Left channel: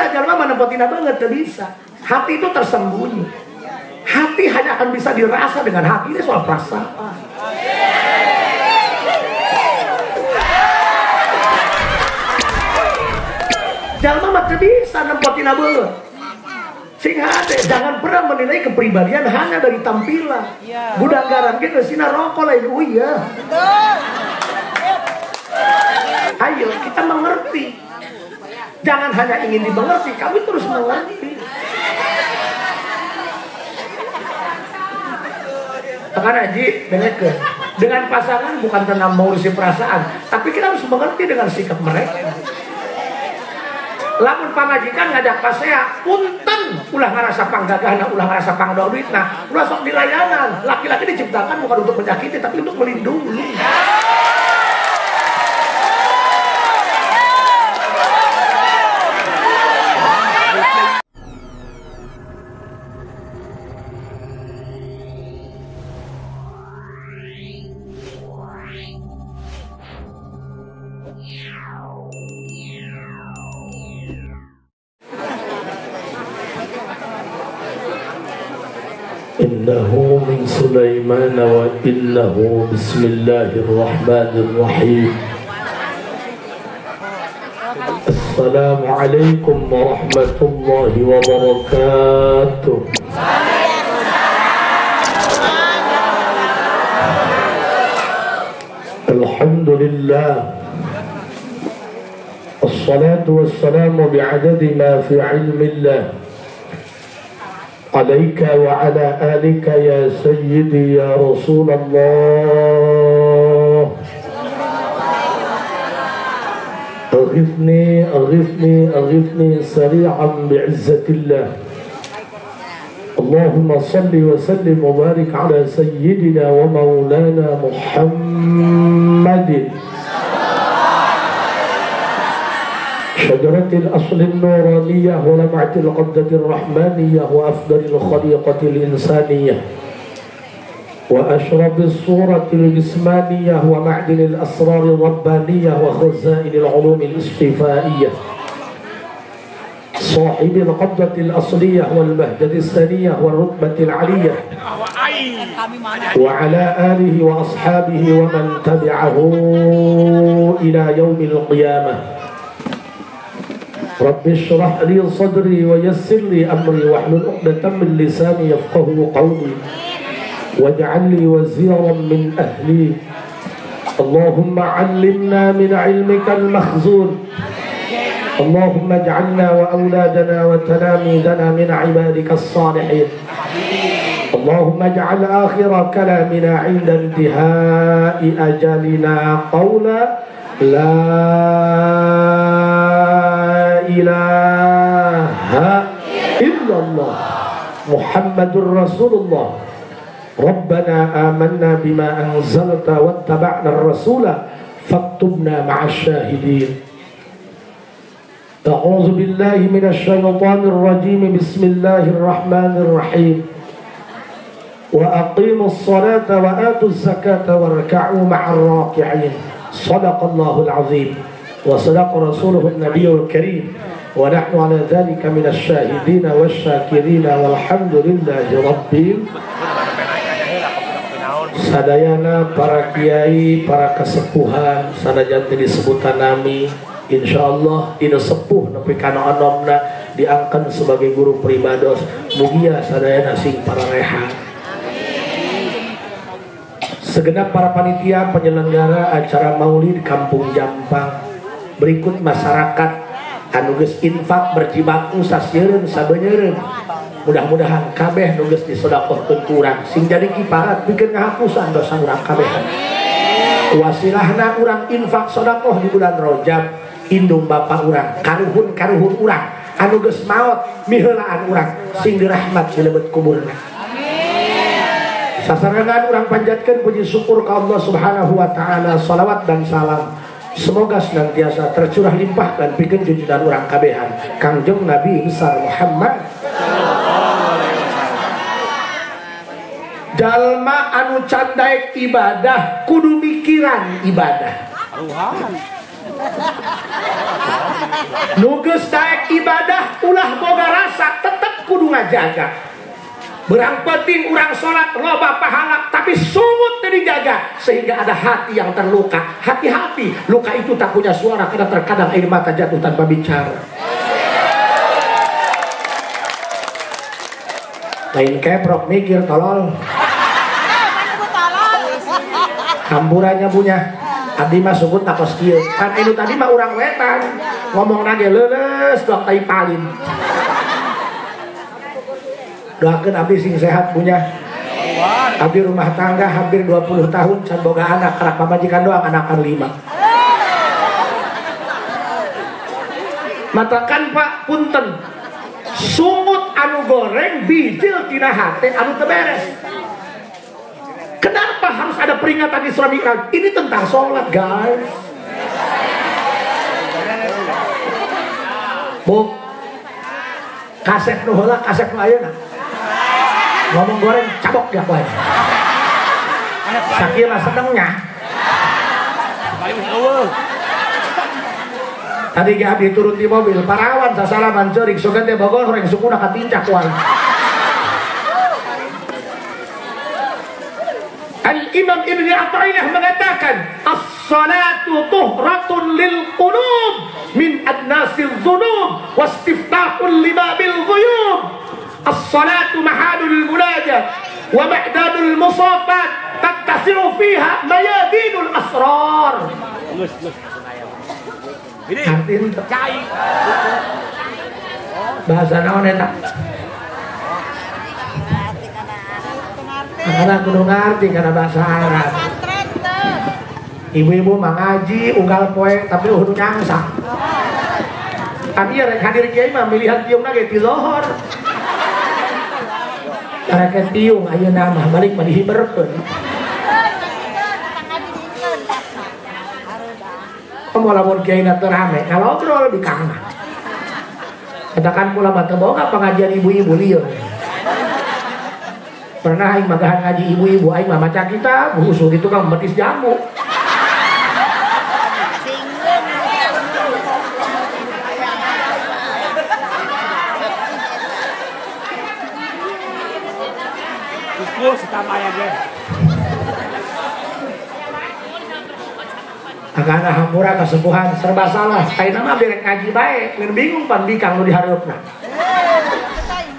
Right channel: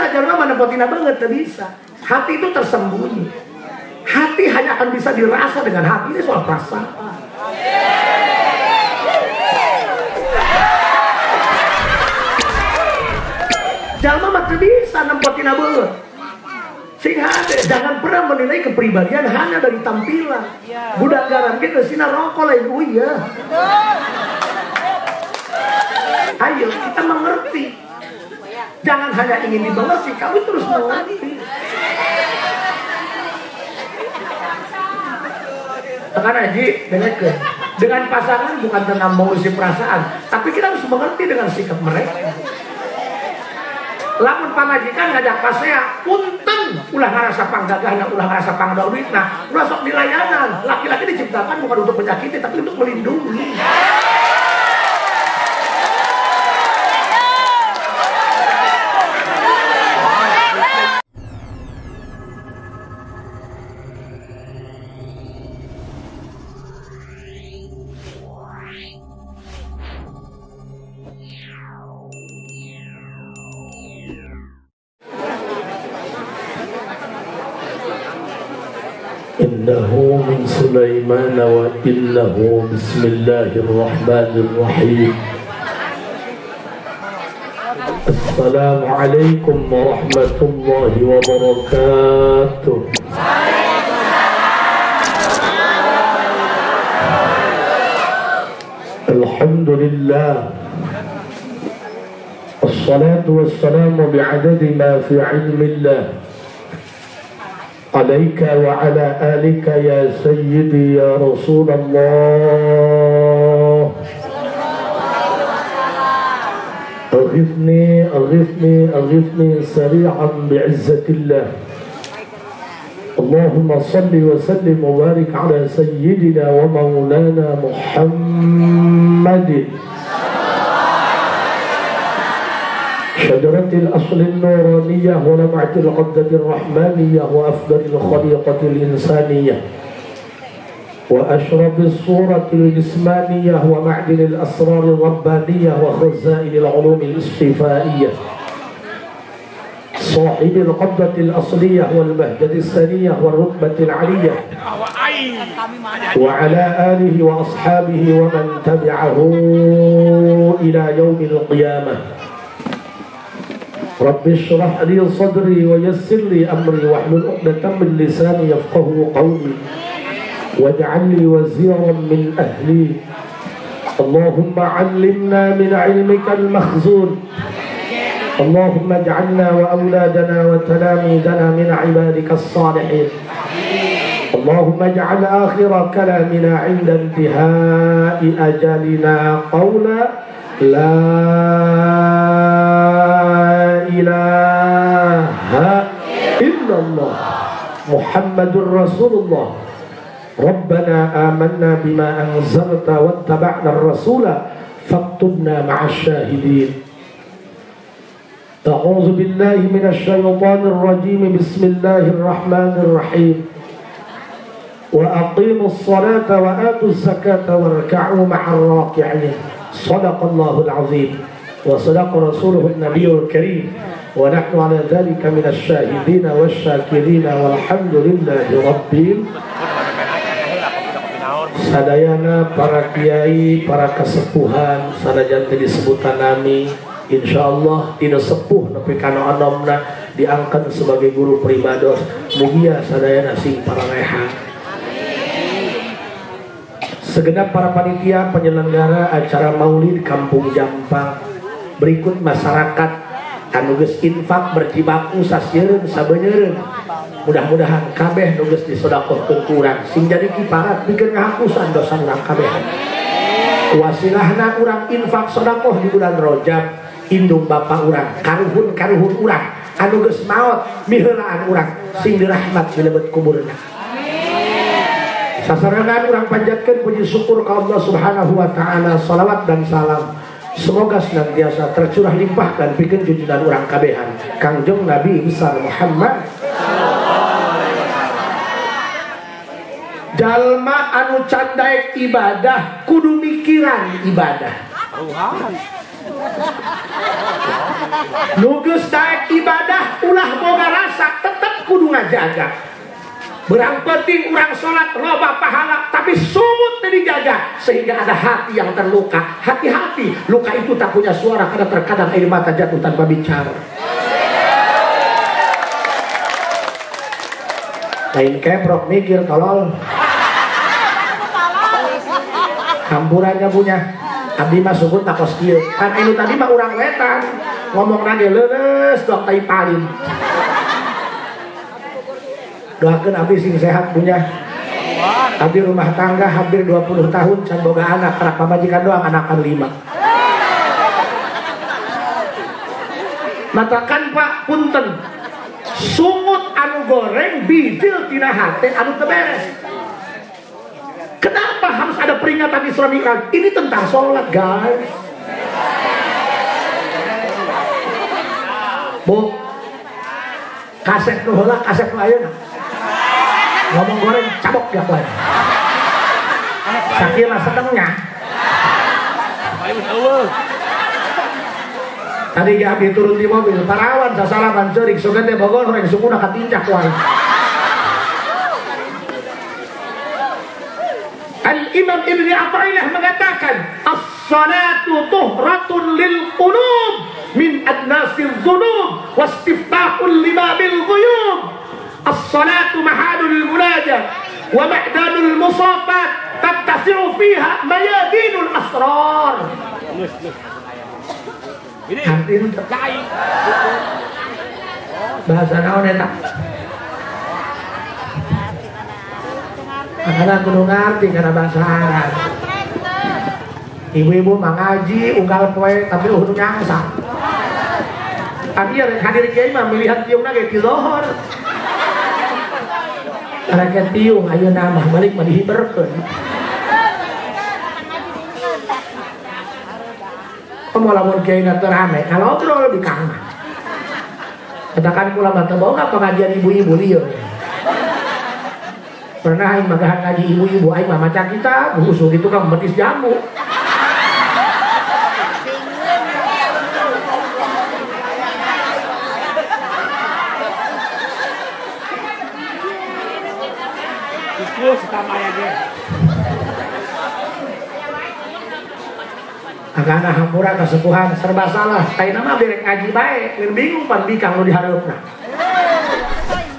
bisa jalma menepotina banget, gak bisa. Hati itu tersembunyi. Hati hanya akan bisa dirasa dengan hati. Ini soal perasaan. Jalma mah bisa nepotina banget. Sehingga jangan pernah menilai kepribadian hanya dari tampilan. Budak garam kita sina rokok lah ibu ya. Ayo kita mengerti. Jangan hanya ingin dimengerti, kamu terus mengerti. Tekan Haji, dengan pasangan bukan tentang mengurusi perasaan, tapi kita harus mengerti dengan sikap mereka. Lamun pamajikan ngajak pasea, punten ulah ngarasa panggagahna, ulah ngarasa pangdormitna, ulah sok dilayanan. Laki-laki diciptakan bukan untuk menyakiti, tapi untuk melindungi. إنه من سليمان وإنه بسم الله الرحمن الرحيم. السلام عليكم ورحمة الله وبركاته. الحمد لله الصلاة والسلام بعدد ما في علم الله عليك وعلى آلك يا سيدي يا رسول الله. أغثني أغثني أغثني سريعا بعزة الله. اللهم صل وسلم وبارك على سيدنا ومولانا محمد شجرة الأصل النورانية ولمعة القبضة الرحمانية وأفضل الخليقة الإنسانية وأشرف الصورة الجسمانية ومعدن الأسرار الربانية وخزائن العلوم الاصطفائية صاحب القبضة الأصلية والبهجة الثانية والرتبة العلية وعلى آله وأصحابه ومن تبعه إلى يوم القيامة. رب اشرح لي صدري ويسر لي أمري واحلل عقدة من لساني يفقهوا قولي واجعل لي وزيرا من أهلي. اللهم علمنا من علمك المخزون. اللهم اجعلنا وأولادنا وتلاميذنا من عبادك الصالحين. اللهم اجعل آخر كلامنا عند انتهاء أجلنا قولا لا إله إلا الله محمد رسول الله. ربنا آمنا بما أنزلت واتبعنا الرسول فاكتبنا مع الشاهدين. أعوذ بالله من الشيطان الرجيم. بسم الله الرحمن الرحيم. وأقيموا الصلاة وآتوا الزكاة واركعوا مع الراكعين. صدق الله العظيم وصدق رسوله النبي الكريم ونحن على ذلك من الشاهدين والشاكرين والحمد لله رب. Sadayana para kiai, para kasepuhan, sadajan tadi sebutan nami, insyaallah dina sepuh nepi kana anomna diangkat sebagai guru pribados. Mugia sadayana sing parangeha. Segenap para panitia penyelenggara acara Maulid Kampung Jampang, berikut masyarakat anu geus infak berjibaku sasieun sabeuneureun. Mudah-mudahan kabeh nu geus disedekahkeun urang sing jadi kiparat pikeun ngahapusan dosa urang kabeh. Wasilahna urang infak sedekah di bulan Rajab, indung bapa urang, karuhun-karuhun urang anu geus maot miheulaan urang sing dirahmat di leubet kuburna. Sasarangan urang panjatkeun puji syukur ka Allah Subhanahu wa taala, salawat dan salam semoga senantiasa tercurah limpah dan pikeun junjungan urang kabehan Kangjeng Nabi besar Muhammad sallallahu alaihi wasallam. Jalma anu candaek ibadah kudu mikiran ibadah. Nu geus daek ibadah ulah boga rasa tetep kudu ngajaga. Berang penting orang sholat loba pahala, tapi sumut dijaga sehingga ada hati yang terluka. Hati-hati, luka itu tak punya suara karena terkadang air mata jatuh tanpa bicara. Lain keprok mikir tolol. Hamburannya punya. Abdi mah sebut tak kos kieu. Kan itu tadi mah urang wetan ngomong lagi leres dok tai palin. Doakan abdi sing sehat punya. Abdi rumah tangga hampir 20 tahun can boga anak karak pamajikan doang anak anu 5. Matakan Pak punten. Sungut anu goreng bijil tina hate anu teu beres. Kenapa harus ada peringatan Isra Mi'raj? Ini tentang sholat, guys. Bu, kaset nu heula, kaset nu ayeuna. Ngomong goreng cabok ya boy. Sakit lah sedengnya. Tadi dia turun di mobil, parawan sasalaman cerik, sogete Bogor yang sukuna katincak wae. Al-Imam Ibnu Athaillah mengatakan, as-salatu tuhratun lil qulub min adnasil dhunub wastiftahul libabil ghuyub. As-salatu mahadul munajat wa ma'dadul musafat tattasi'u fiha mayadinul asrar. Ini bahasa naon eta? Karena kudu ngerti karena bahasa Arab. Ibu-ibu mengaji unggal poe tapi kudu nyangsa. Kami hadir kiai mah melihat tiungna ge ti lohor. Karena tiung ayeuna mah balik mah dihiberkeun. Kamu lamun kiai na teu rame, kalau ngobrol di kang. Katakan kula mah teu boga pengajian ibu-ibu lieu. Pernah aing magahan ngaji ibu-ibu aing mah maca kita, usul itu kan betis jamu. Iku setamaya ge. Karena hampura kesepuhan serba salah. Kaina mah berek ngaji bae, ngan bingung pan bikang nu dihareupna.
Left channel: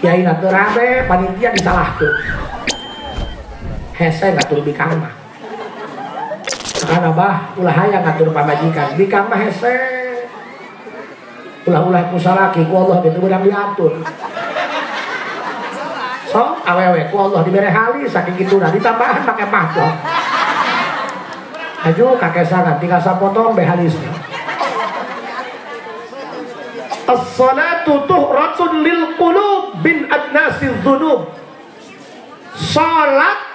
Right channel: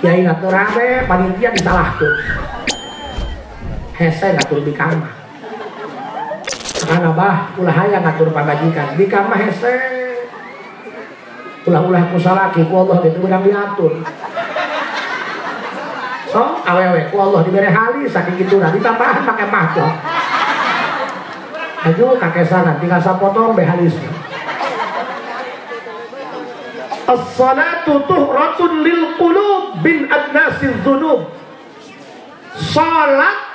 Kiai ngatur rame, panitia disalahkeun. Hese ngatur bikang mah. Karena bah ulah hayang ngatur pamajikan, bikang mah hese. Ulah-ulah ku salaki ku Allah geus urang diatur. So, awewe ku Allah dibere halis saking kituna ditambahan pake mahkot. Aduh kakek sana tinggal sapotong be halisnya. As-salatu tuhratun lil qulub bin adnasil dhunub. Salat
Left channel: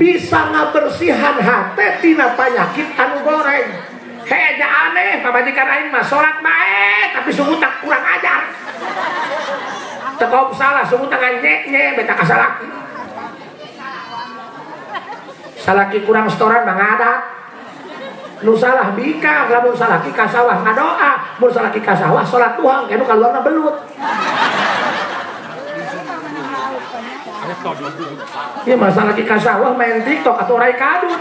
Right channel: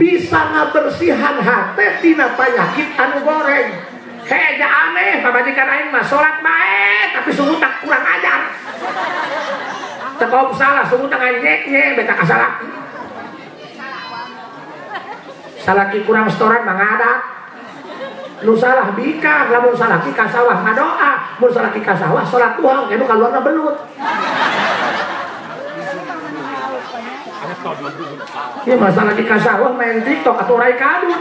bisa ngabersihan hate tina penyakit anu goreng. Heja aneh pamajikan aing mah salat bae tapi sungguh tak kurang ajar. Tekop salah sungguh tak ngecek beta kasalaki. Salaki kurang setoran mah ngadat. Nu salah bika, lamun salaki ka sawah ngadoa, mun salaki ka sawah salat Tuhan, anu kaluarna belut. Ya masalah ki ka sawah main TikTok atau rai kadut.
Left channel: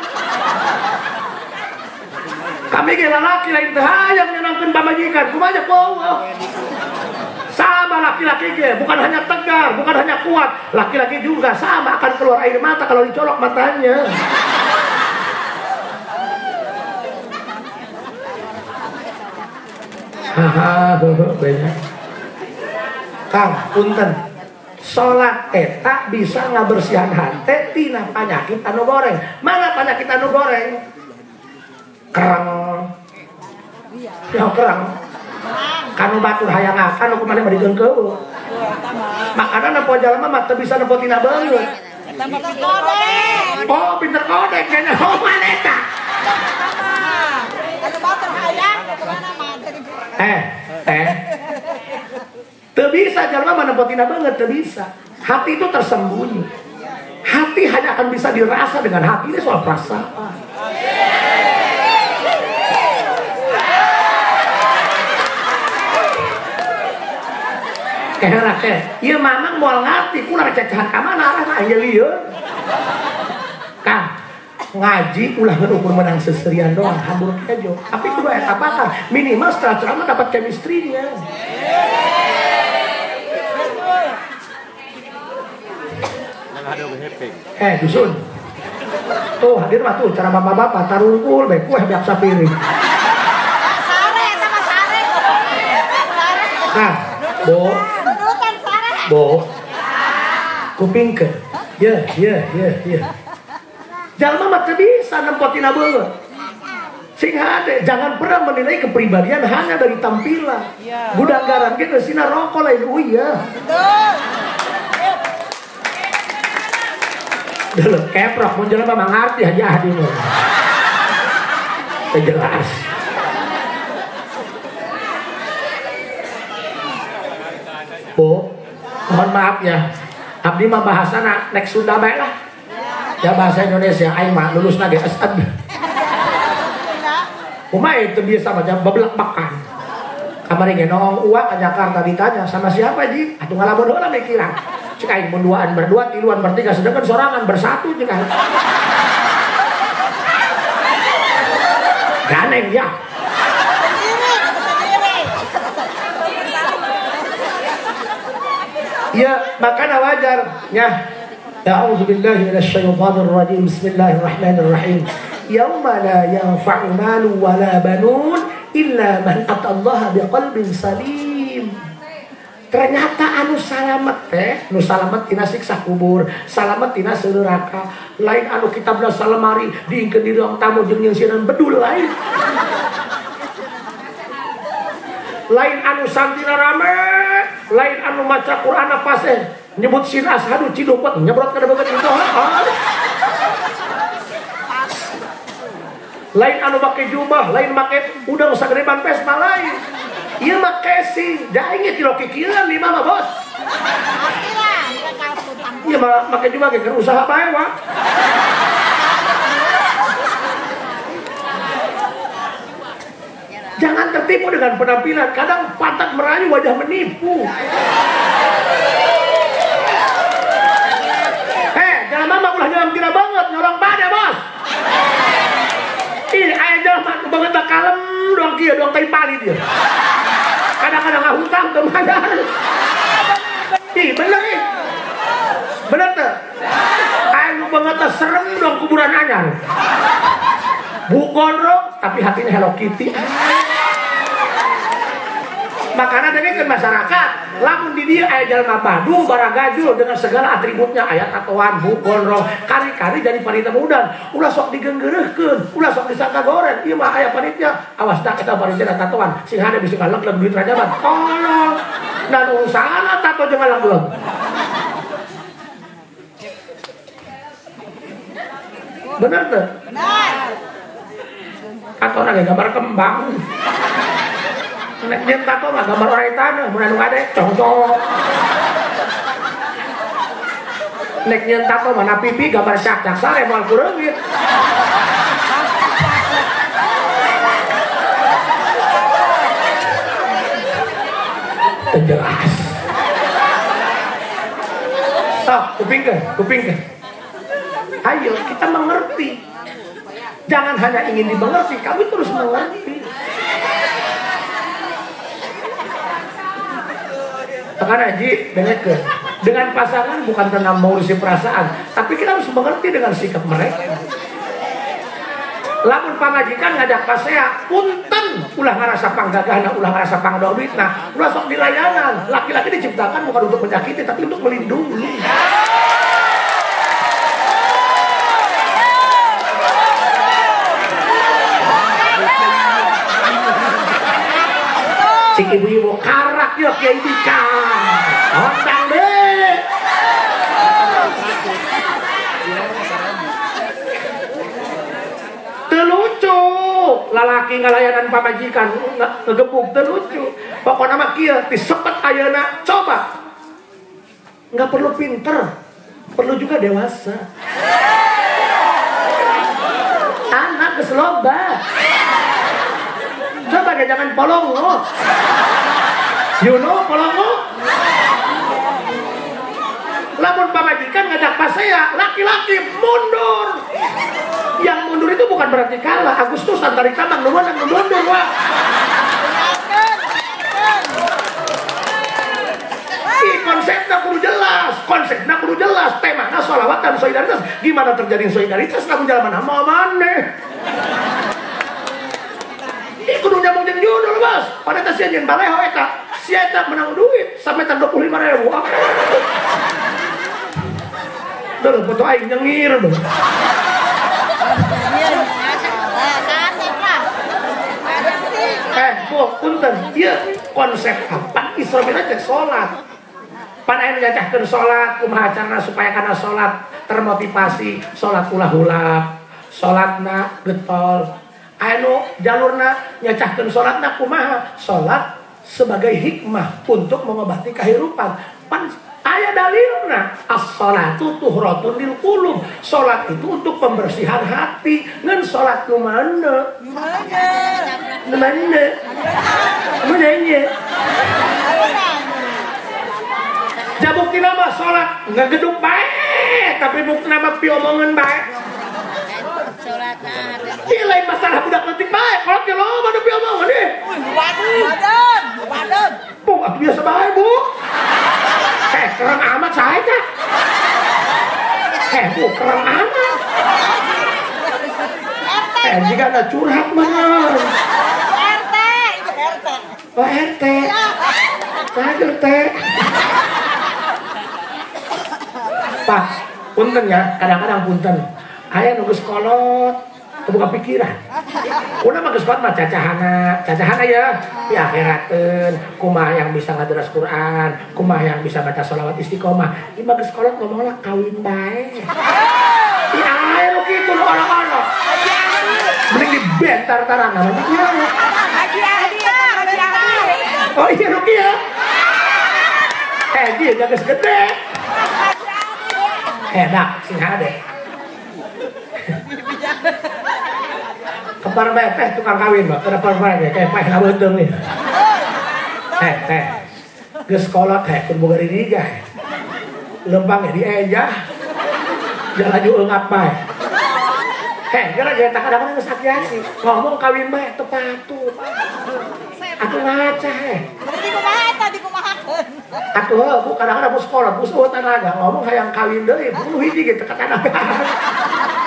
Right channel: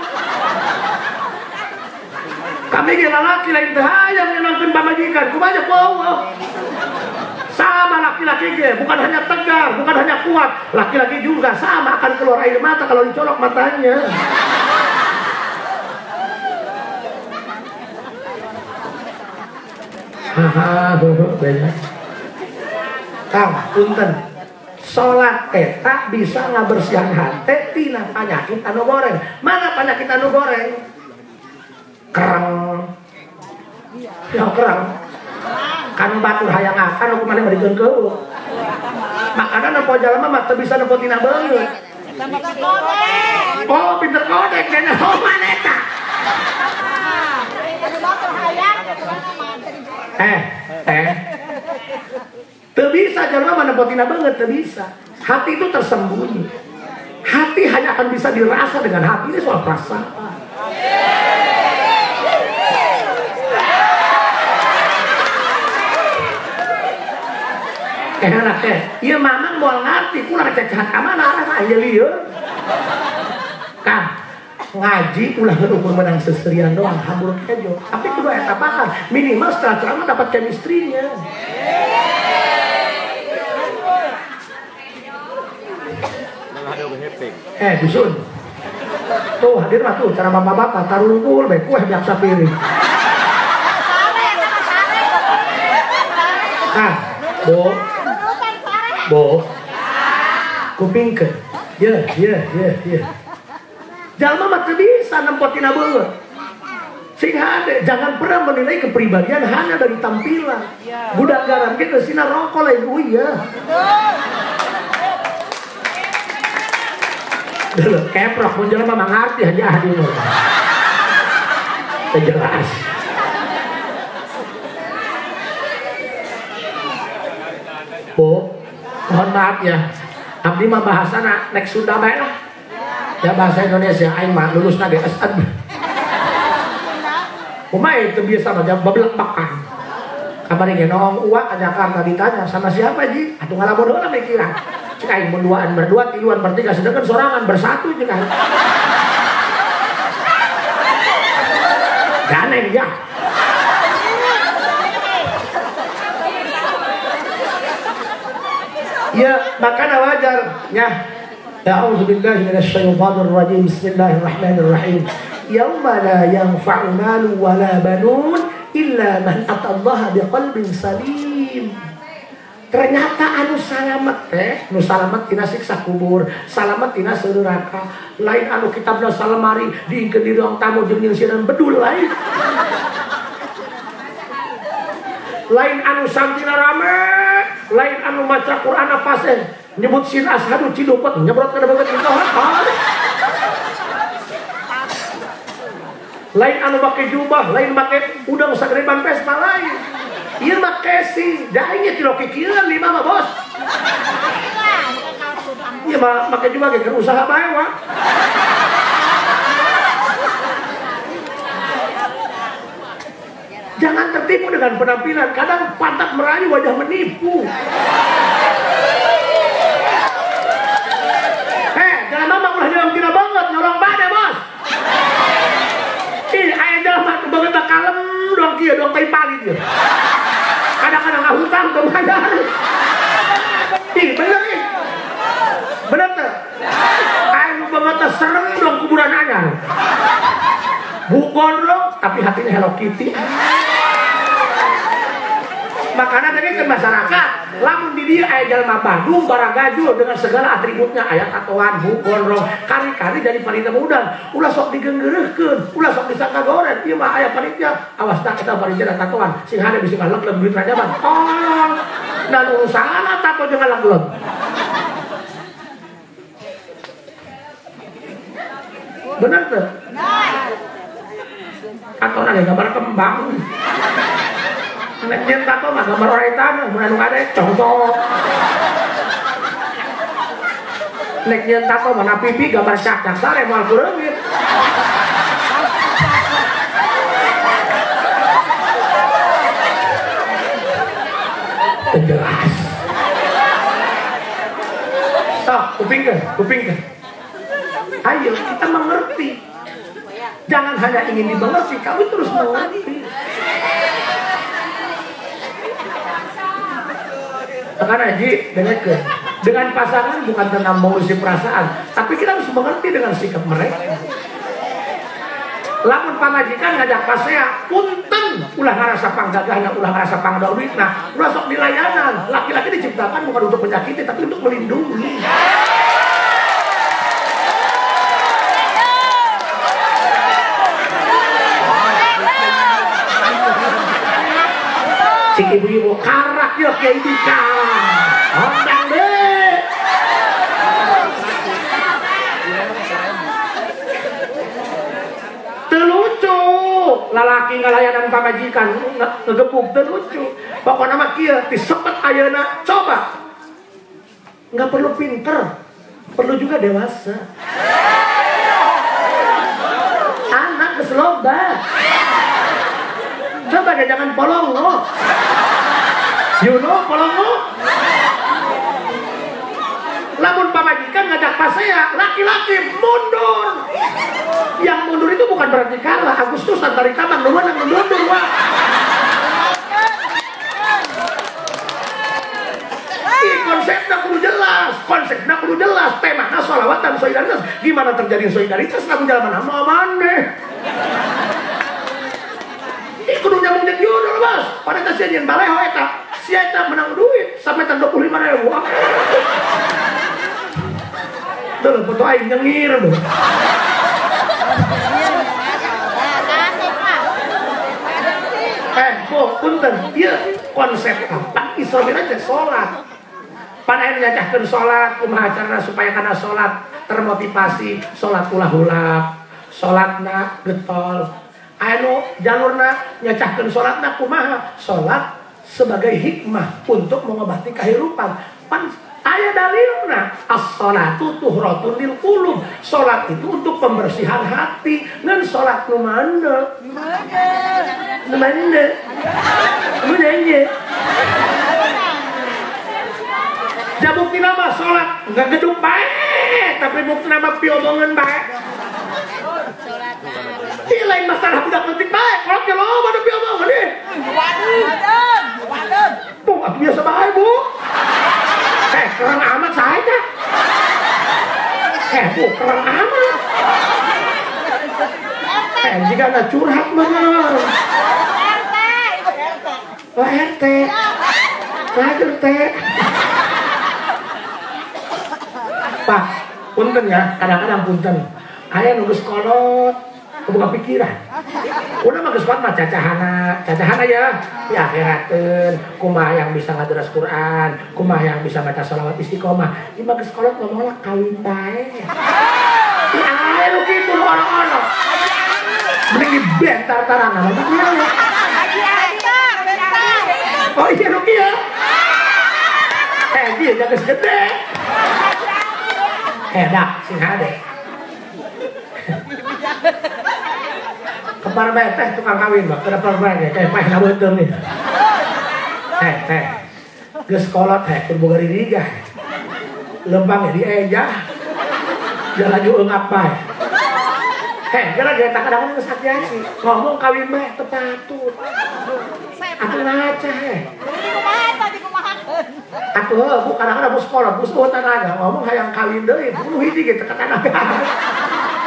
Kami ge lalaki lain teu hayang nyenangkeun pamajikan, kumaha ku Allah. Sama laki-laki ge, bukan hanya tegar, bukan hanya kuat, laki-laki juga sama akan keluar air mata kalau dicolok matanya. Haha, banyak. Kang, punten. Salat eta bisa ngabersihan hate tina panyakit anu goreng. Mana panyakit anu goreng? Kerang. Ya kerang. Kanu batu hayang akan kemarin mah dijeun keueuh. Makana nampo jalema mah teu bisa nampo tina beungeut. Oh, pinter kodek kana homan eta. Teu bisa jalema mah nampo tina beungeut teu bisa. Hati itu tersembunyi. Hati hanya akan bisa dirasa dengan hati, ini soal perasaan. Enak teh. Ieu mamang moal ngarti kunaon cacahan ka mana arah aya lieur. Kang, ngaji ulah ngukur menang seserian doang, hadur aja. Tapi kudu eta bakal minimal setelah ceramah dapat chemistry-nya. Dusun. Tuh hadir mah tuh cara bapak-bapak tarungkul deh kueh biasa piring. Nah, Bo, kupingkeun. Ya. Jalma mah teu bisa nempotina beungeut. Sing hade, jangan pernah menilai kepribadian hanya dari tampilan. Budak garam ge sina rokok lain uya. Dulu keprok mun jelema mah ngarti aja hadir. Jelas. Bu, mohon maaf ya. Abdi mah bahasana nek Sunda bae lah. Ya bahasa Indonesia aing mah lulusna ge SN. Kumaha itu biasa mah bablek bakang. Kamari ge nongong uak ke Jakarta ditanya sama siapa Ji? Atuh ngalamun heula mikiran. Cek aing menduaan berdua, tiluan bertiga sedangkan sorangan bersatu cek aing. Ganeng ya. Ya, makanya wajar ya. A'udzubillahi minasyaitonir rajim. Bismillahirrahmanirrahim. Yauma la yanfa'u malun wala banun illa man atallaha biqalbin salim. Ternyata anu salamet teh, nu salamet tina siksa kubur, salamet tina neraka. Lain anu kitabna salemari diingkeun di ruang tamu jeung nyeusiran bedul lain. Lain anu sampina rame, lain anu maca Quran apa sih? Nyebut sin ashadu cidopet, nyebrot ke debat itu apa? Lain anu make jubah, lain make udang sagreban pesta lain. Ieu mah casing, da inget kilo kikilan di mah bos. Ieu mah make jubah ge usaha bae wa. Jangan tertipu dengan penampilan. Kadang pantat merayu, wajah menipu. Jangan mama ulah nyorong tina banget, nyorong bade bos. Ih, aya jalma banget kalem doang kieu, doang kai pali dia. Kadang-kadang ngahutang tuh madar. Ih, bener nih. Bener tuh. Aya banget serem doang kuburan anyar. Bu gondrong tapi hatinya Hello Kitty. Makanya dari ke masyarakat, lamun di dia aya jalma Bandung barang gajul dengan segala atributnya, aya tatoan, bu gondrong, kari-kari jadi panitia muda, ulah sok digeungeureuhkeun, ulah sok disangka goreng, ieu mah aya panitia, awas tak eta panitia tatoan, sing hade bisi kalek duit raja mah. Tolong. Dan usahana tato jeung ngalang-leung. Bener tuh? Tato ada gambar kembang. Nek nyen tato mah gambar oraitan, mun anu kade contoh. Nek nyen tato mana pipi gambar cak-cak sare moal kureungit. Jelas. Kupingkeun. Ayo kita mengerti. Jangan hanya ingin dimengerti, kamu terus mengerti. Makanya Haji, dengan pasangan bukan tentang mengurusi perasaan, tapi kita harus mengerti dengan sikap mereka. Lamun pamajikan ngajak pasea, punten ulah ngarasa panggagahna, ulah ngarasa pangdawitna, ulah sok dilayanan. Laki-laki diciptakan bukan untuk menyakiti, tapi untuk melindungi. Cik ibu-ibu karak ya kiai dika. Ondang deh. Terlucu. Lalaki ngalayanan pamajikan ngegebuk terlucu. Pokoknya mah kieu disepet ayeuna coba. Enggak perlu pinter, perlu juga dewasa. Anak geus loba. Coba deh jangan polongo. You know polongo? kan ngajak pasea, laki-laki mundur. Yang mundur itu bukan berarti kalah. Agustusan dari kadang duluan yang mundur, wah. Konsepnya kudu jelas, temanya sholawat dan solidaritas. Gimana terjadi solidaritas kamu jalan mana mana? Ini kudu udah mungkin judul bos. Pada kesian baleho eta, siapa menang duit sampai tan 25.000. Dulu foto aing nyengir dong. Punten, iya konsep apa? Islamnya teh sholat. Pan aing nyacahkeun sholat, kumaha carana supaya kana sholat termotivasi, sholat ulah-ulah, sholatna getol. Anu jalurna nyacahkeun sholatna kumaha? Sholat sebagai hikmah untuk mengobati kehidupan. Pan aya dalilna, as-sholatu tuhratun lil qulub. Sholat itu untuk pembersihan hati. Ngan sholat nu mana? Mana? Jabuk nama sholat nggak gedung baik, tapi bukti nama piomongan baik. Ini lain masalah budak nanti baik. Kalau dia lama ada piomongan deh. Waduh. Bu, aku biasa baik bu. Keren amat saya teh. Bu, keren amat. Jika ada curhat bener. RT. Lagi teh. Pak, punten ya, kadang-kadang punten. Ayah nunggu sekolah, kebuka pikiran. Udah mah sekolah mah cacahana ya. Di akhirateun, kumaha yang bisa ngaderas Quran, kumaha yang bisa baca sholawat istiqomah. Di mah sekolah ngomongnya kawin bae. Di ayah lu kitu lu orang-orang. Mending dibentar-tarangan nanti dia. Oh iya lu kia. Dia jaga segede. Dak, sing hade. Kepar bae teh tukang kawin, Mbak. Kenapa ya? Kayak pah na beuteuh nih. Geus kolot keur boga diriga. Lempang di eja. Jangan diungap bae. Gara kita kadang-kadang geus hati-hati. Ngomong kawin bae teu patut. Atuh ngaca Aku bu kadang-kadang mau sekolah, bu tanaga ngomong hayang kawin deui, bu hiji gitu tanaga.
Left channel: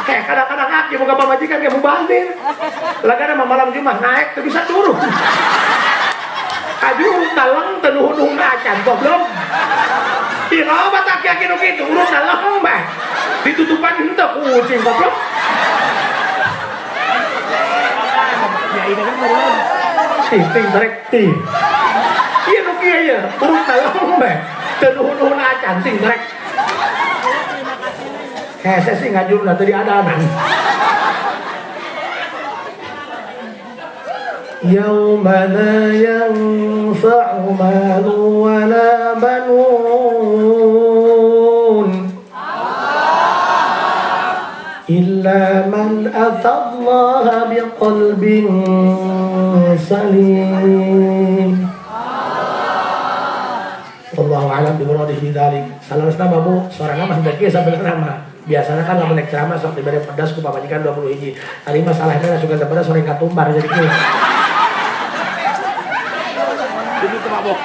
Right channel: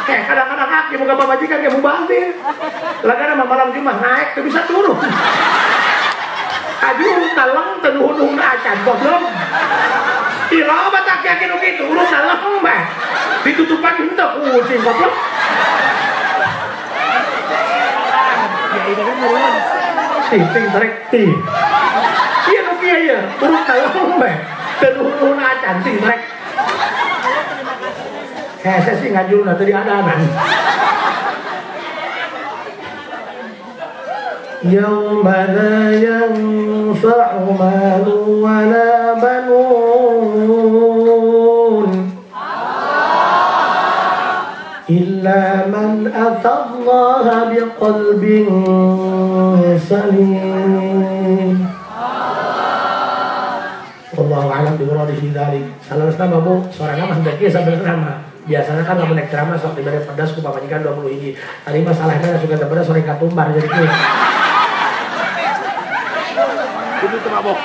Kadang-kadang aki boga pamajikan ge mubandir. Lagana malam Jumat naik teu bisa turun. Aju taleng teu nuhun acan goblok. Iloba tak aki nu kitu, urus taleng mah. Ditutupan henteu kucing goblok. Ya ini kan murah. Ting tarik ting. Iya nu kieu ya, urus taleng mah. Teu nuhun acan ting tarik. Saya sih ngajul lah tadi ada-ada. Yauma la yanfa'u malun wala banun illa man atallaha biqalbin salim. Wallahu a'lam bimuradihi dzalik. Salam nama Bu, sorangan mah daki sambil nama. Biasanya kan ngomong naik ceramah sok ibadah pedas ku pamajikan 20 hiji. Tadi masalahnya suka pedas sore katumbar jadi kieu. Ini teu mabok.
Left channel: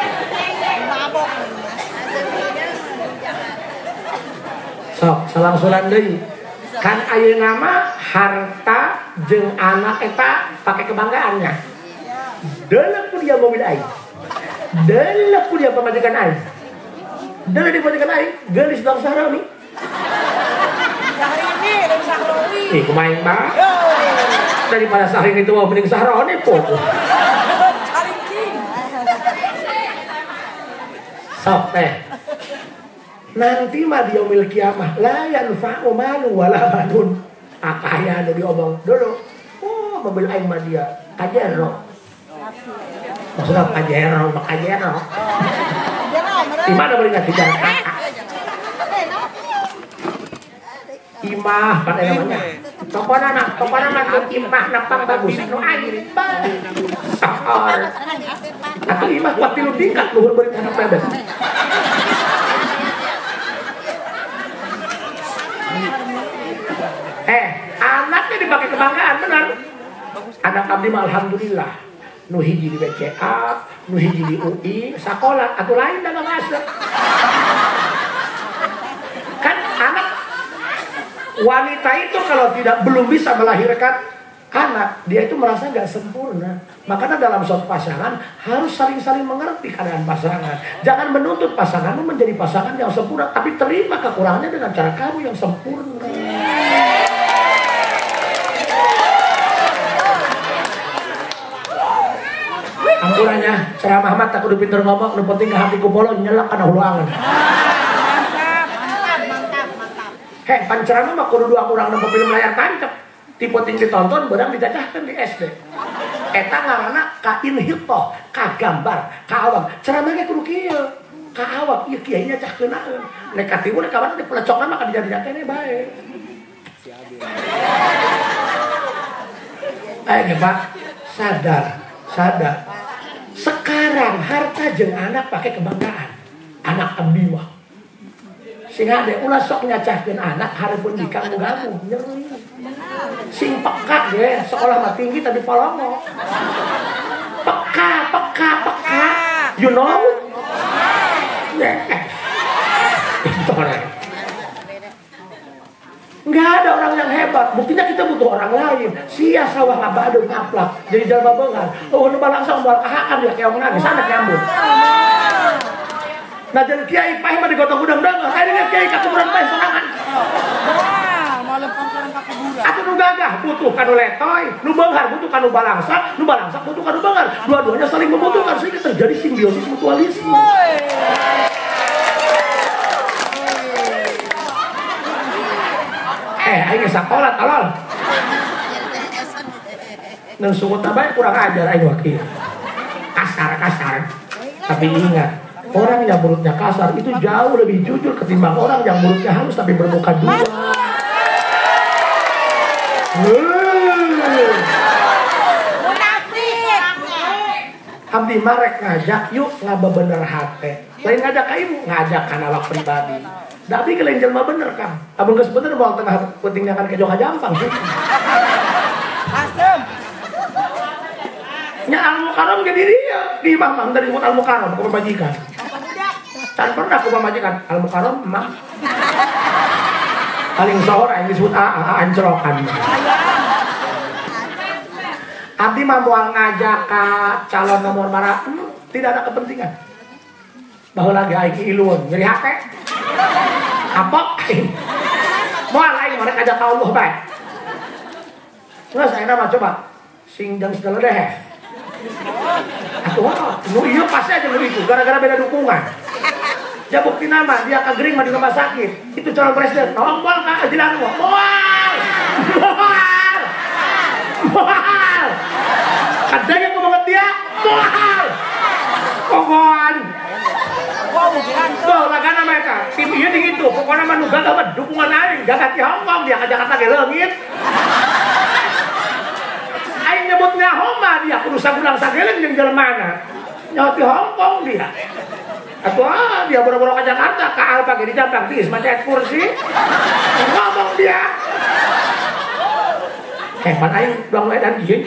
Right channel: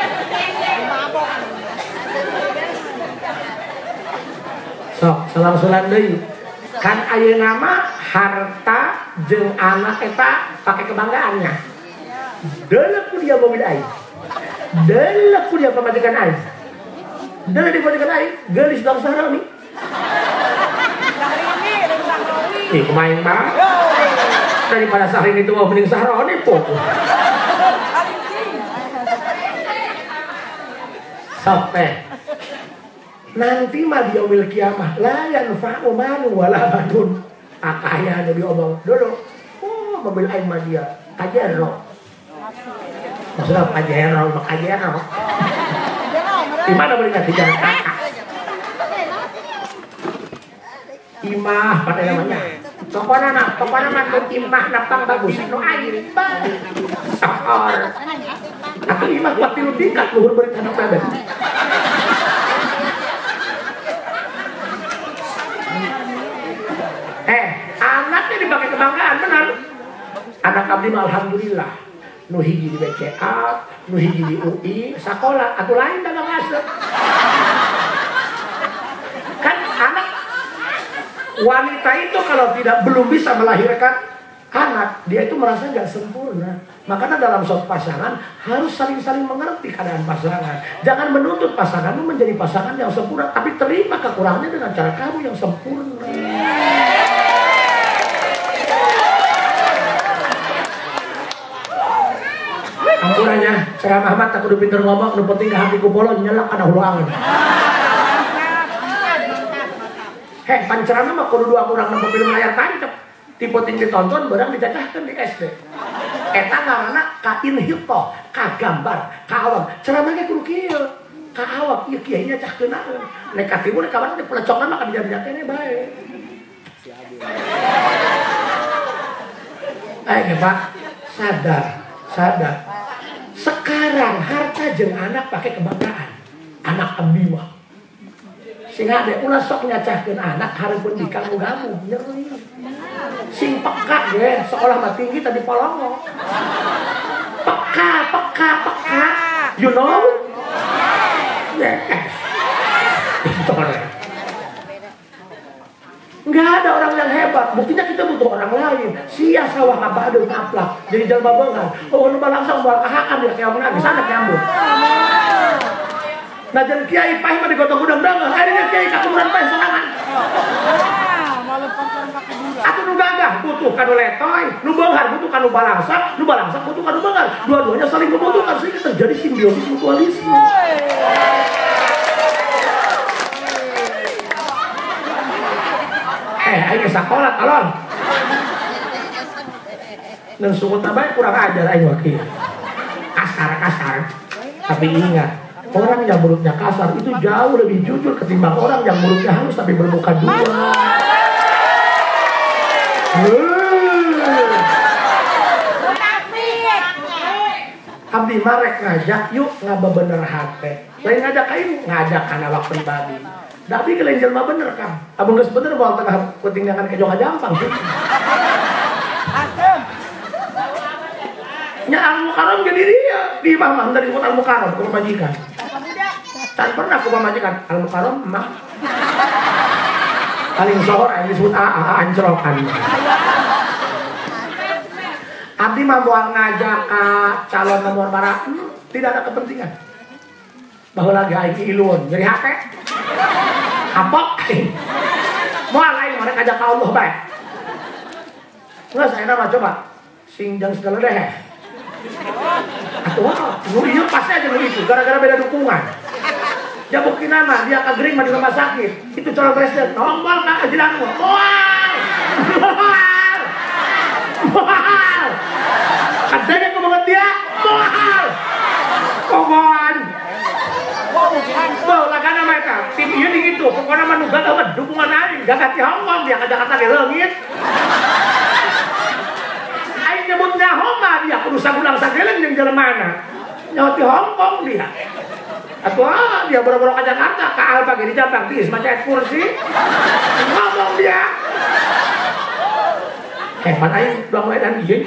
Sok salam-salam deui. Kan ayeuna mah harta jeung anak eta pake kebanggaannya. Deuleuh ku dia mobil aing. Deuleuh ku dia pamajikan aing. Deuleuh di pamajikan aing, geulis bangsa nih. Kumain mah daripada sahring itu mau mending sahroni po. Sok teh nanti mah di yaumil kiamah la yanfa'u malun wala banun. Akaya anu diomong dulu. Oh mobil aing mah dia kajero. Maksudnya kajero. Di mana belinya di Jakarta? Imah pada namanya. Pokoknya nak imah nak tak bagus. No air. Sahar. Atau imah waktu lu tingkat luhur beri anak ada. kebanggaan benar. Anak abdi mah alhamdulillah. Nu hiji di BCA, nu hiji di UI, sekolah, atuh lain da bangasa. Kan anak wanita itu kalau belum bisa melahirkan anak, dia itu merasa nggak sempurna. Makanya dalam suatu pasangan harus saling-saling mengerti keadaan pasangan. Jangan menuntut pasanganmu menjadi pasangan yang sempurna, tapi terima kekurangannya dengan cara kamu yang sempurna. Ampunannya, ceramah Ahmad tak udah pinter ngomong, udah penting ke hatiku bolong nyelak karena huluangan. Hei, pancerannya mah kudu dua kurang nonton film layar tancap. Tipe tinggi tonton, barang dijajahkan di SD. Eta ngaranna ka inhitoh, ka gambar, ka awam. Ceramahnya kudu kieu, ka awam. Ieu kiainya cah keunaan. Negatif boleh kawan di pelecokan maka dijadikan bae. Pak, sadar. Sekarang harta jeung anak pakai kebanggaan. Anak abdi mah. Sing ade ulah sok nyacahkeun anak hareupeun nikah nu gamuh nyeri. Sing peka ge sekolah mah tinggi tadi polongo. Peka. You know? Enggak ada orang yang hebat. Buktinya kita butuh orang lain. Sia sawah abadun aplak. Jadi jalma beungan. Oh lu langsung bawa kahakan dia kayak menang sana nyambut. Nah jadi kiai pae mah digotong udang deungeun. Aya kiai ka kuburan pae sorangan. Aku nu gagah butuh kanu letoy, nu beunghar butuh kanu balangsa, nu balangsa butuh kanu beunghar. Dua-duanya saling membutuhkan sehingga terjadi simbiosis mutualisme. Aing sakola tolol. Nang sumut abang kurang ajar aing wakil. Kasar. Tapi ingat, orang yang mulutnya kasar itu jauh lebih jujur ketimbang orang yang mulutnya halus tapi bermuka dua. Abdi marek ngajak yuk ngabebener hate. Lain ngajak kayu ngajak kana awak pribadi. Tapi kalian jelma bener kan? Abang geus bener bawa tengah ketinggalan ke Joka Jampang sih. Nya Al-Mukarram ke diri ya, di imam dari Al-Mukarram ke majikan. Can pernah ke majikan Al-Mukarram mah. Paling sohor yang disebut ancrokan. Abdi mah moal ngajak calon nomor marah, tidak ada kepentingan. Bahwa lagi aiki ilun, jadi hake. Apa? Moal aing mereka ajak ka Allah bae. Terus ayeuna mah coba sing jang segala deh. Wah, iya pasti aja lu itu, gara-gara beda dukungan. Ya bukti nama, dia kagering di rumah sakit. Itu calon presiden, nombol kak, tidak mau. Mohal. Kadang yang ngomong dia, mohal. Pohon. Bawa karena mereka, tim ini gitu, pokoknya manusia dapat dukungan lain, jaga di Hongkong, dia kata ke langit. Aing nyebutnya Homa dia, kudu sagulang sageling di jalan mana? Nyoti Hongkong dia. Atau dia boro-boro ke Jakarta, ke Alpa di Jakarta, di pakai kursi, ngomong dia. Hebat aing belum edan ieu.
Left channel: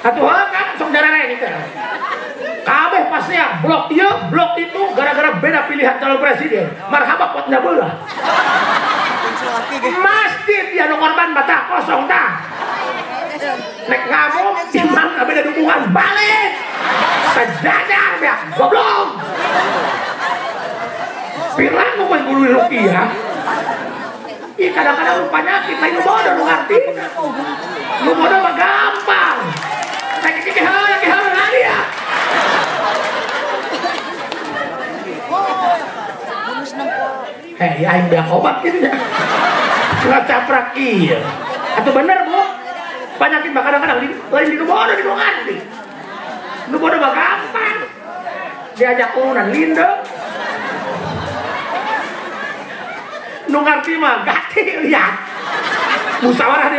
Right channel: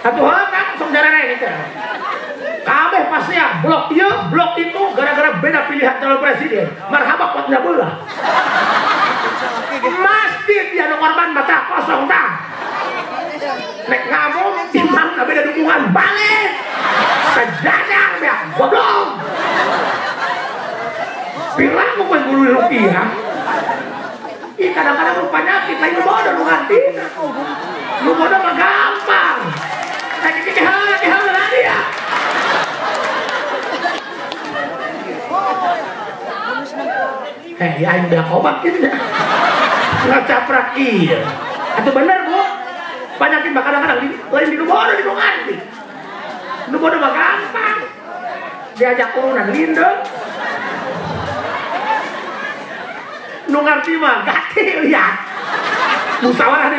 Atuh kan sok jarang gitu. Kabeh pasti ya blok ieu, blok itu gara-gara beda pilihan calon presiden. Marhaba potnya bola. Masjid ya korban mata kosong dah. Nek ngamuk iman beda dukungan balik. Sejajar ya goblok. Pirang mau guru rupiah. Ih kadang-kadang lu penyakit lain bodoh lu ngerti. Lu bodoh mah gampang. Kayak kehal lagi ya. Ya aing beak obat gitu ya. Ngacaprak iya. Itu bener Bu. Penyakit mah kadang-kadang lain di bodoh di ngerti. Lu bodoh mah gampang. Diajak urunan lindung. Lu ngerti mah gati lihat. Musyawarah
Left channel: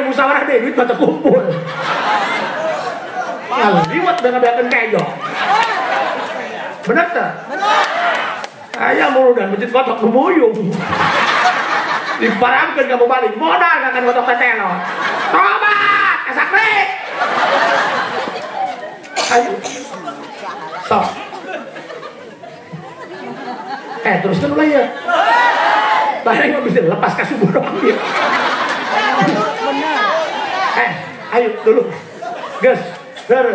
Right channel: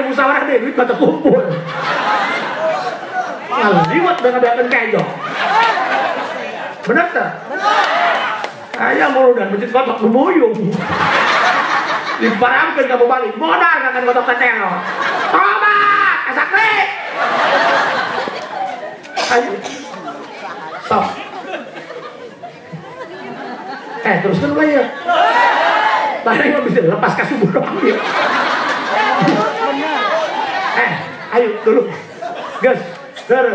deh duit mata kumpul. Kalau liwat dengan kejo. Bener tak? Ayah mau dan masjid kotak memuyung. Diparamkeun kamu balik modal akan gotok tetelo. Tobat, asakle. Ayo. Stop. Terusnya mulai ya. Tadi mau bisa lepas kasih burung dia. Ayo dulu. Gus, dur.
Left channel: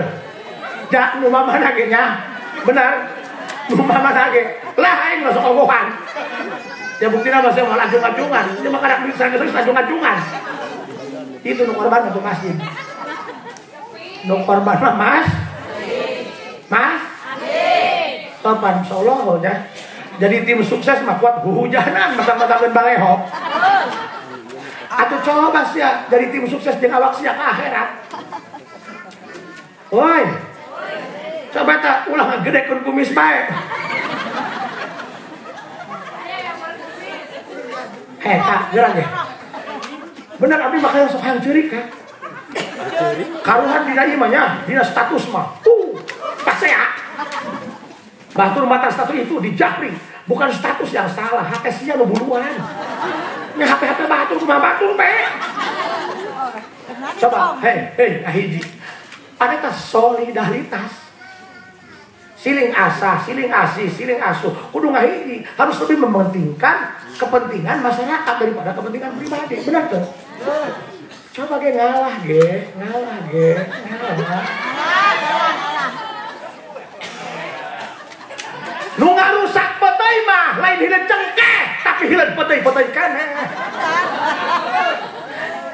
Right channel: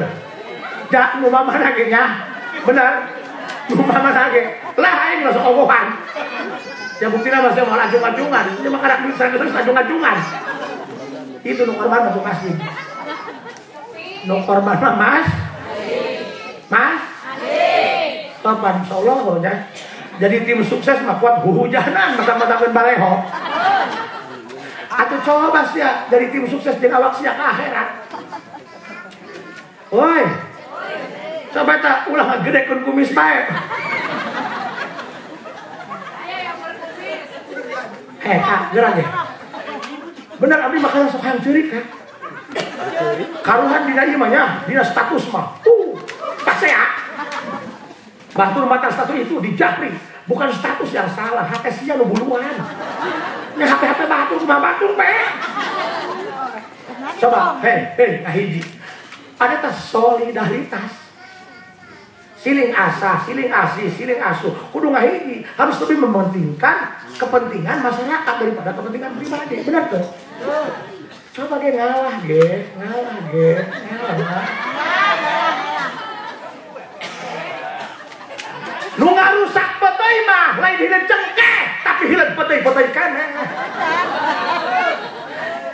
Jak nu mama lagi nya. Benar. Nu mama lagi. Lah aing masuk ogohan. Ya buktinya masih mau lanjung-lanjungan. Ini mah kadang bisa terus lanjung-lanjungan. Itu nu korban untuk masjid. Nu korban Mas. Mas. Topan Solo ya. Jadi tim sukses mah kuat hujanan matang-matang balehok. Atuh coba sih ya dari tim sukses jeung awak sia ka akhirat. Woi. Coba tak ulah ngagedekeun kumis bae. Kak, gerak deh. Bener abdi makanya sok hayang ceurik ya. Karuhan dina ieu mah nya, dina status mah. Kasea. Batur mata status itu dijapri, bukan status yang salah, hakesnya lo buluan. Ini HP batur cuma batur bae. Coba, hiji. Ada tas solidaritas. Siling asa, siling asih, siling asuh. Kudu ngahiji, harus lebih mementingkan kepentingan masyarakat daripada kepentingan pribadi. Benar tuh? Coba ngalah. Nu ngarusak potoi mah lain hileun cengkeh tapi hileun potoi kan.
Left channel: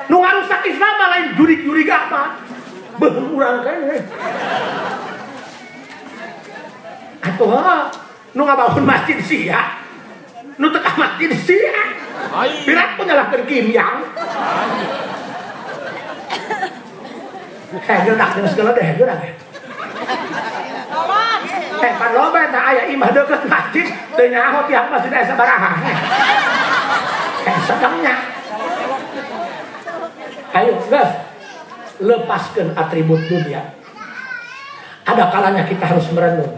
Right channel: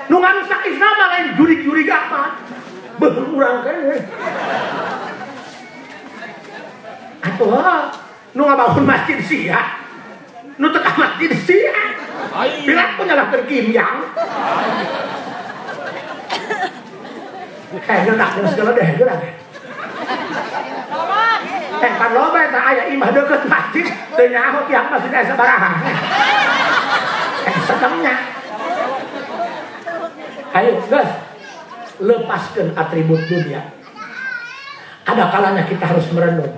Nu ngarusak Islam mah lain jurig-jurig apa. Beuh urang keneh. Atuh nu ngabangun masjid sia. Nu teu ka masjid sia. Pirat punya lah terkimyang. Gerak segala deh, gerak. Kan loba eta aya imah deukeut masjid teu nyaho tiap masjid aya sabaraha. Setengahnya. Ayo, guys. Lepaskan atribut dunia. Ada kalanya kita harus merenung.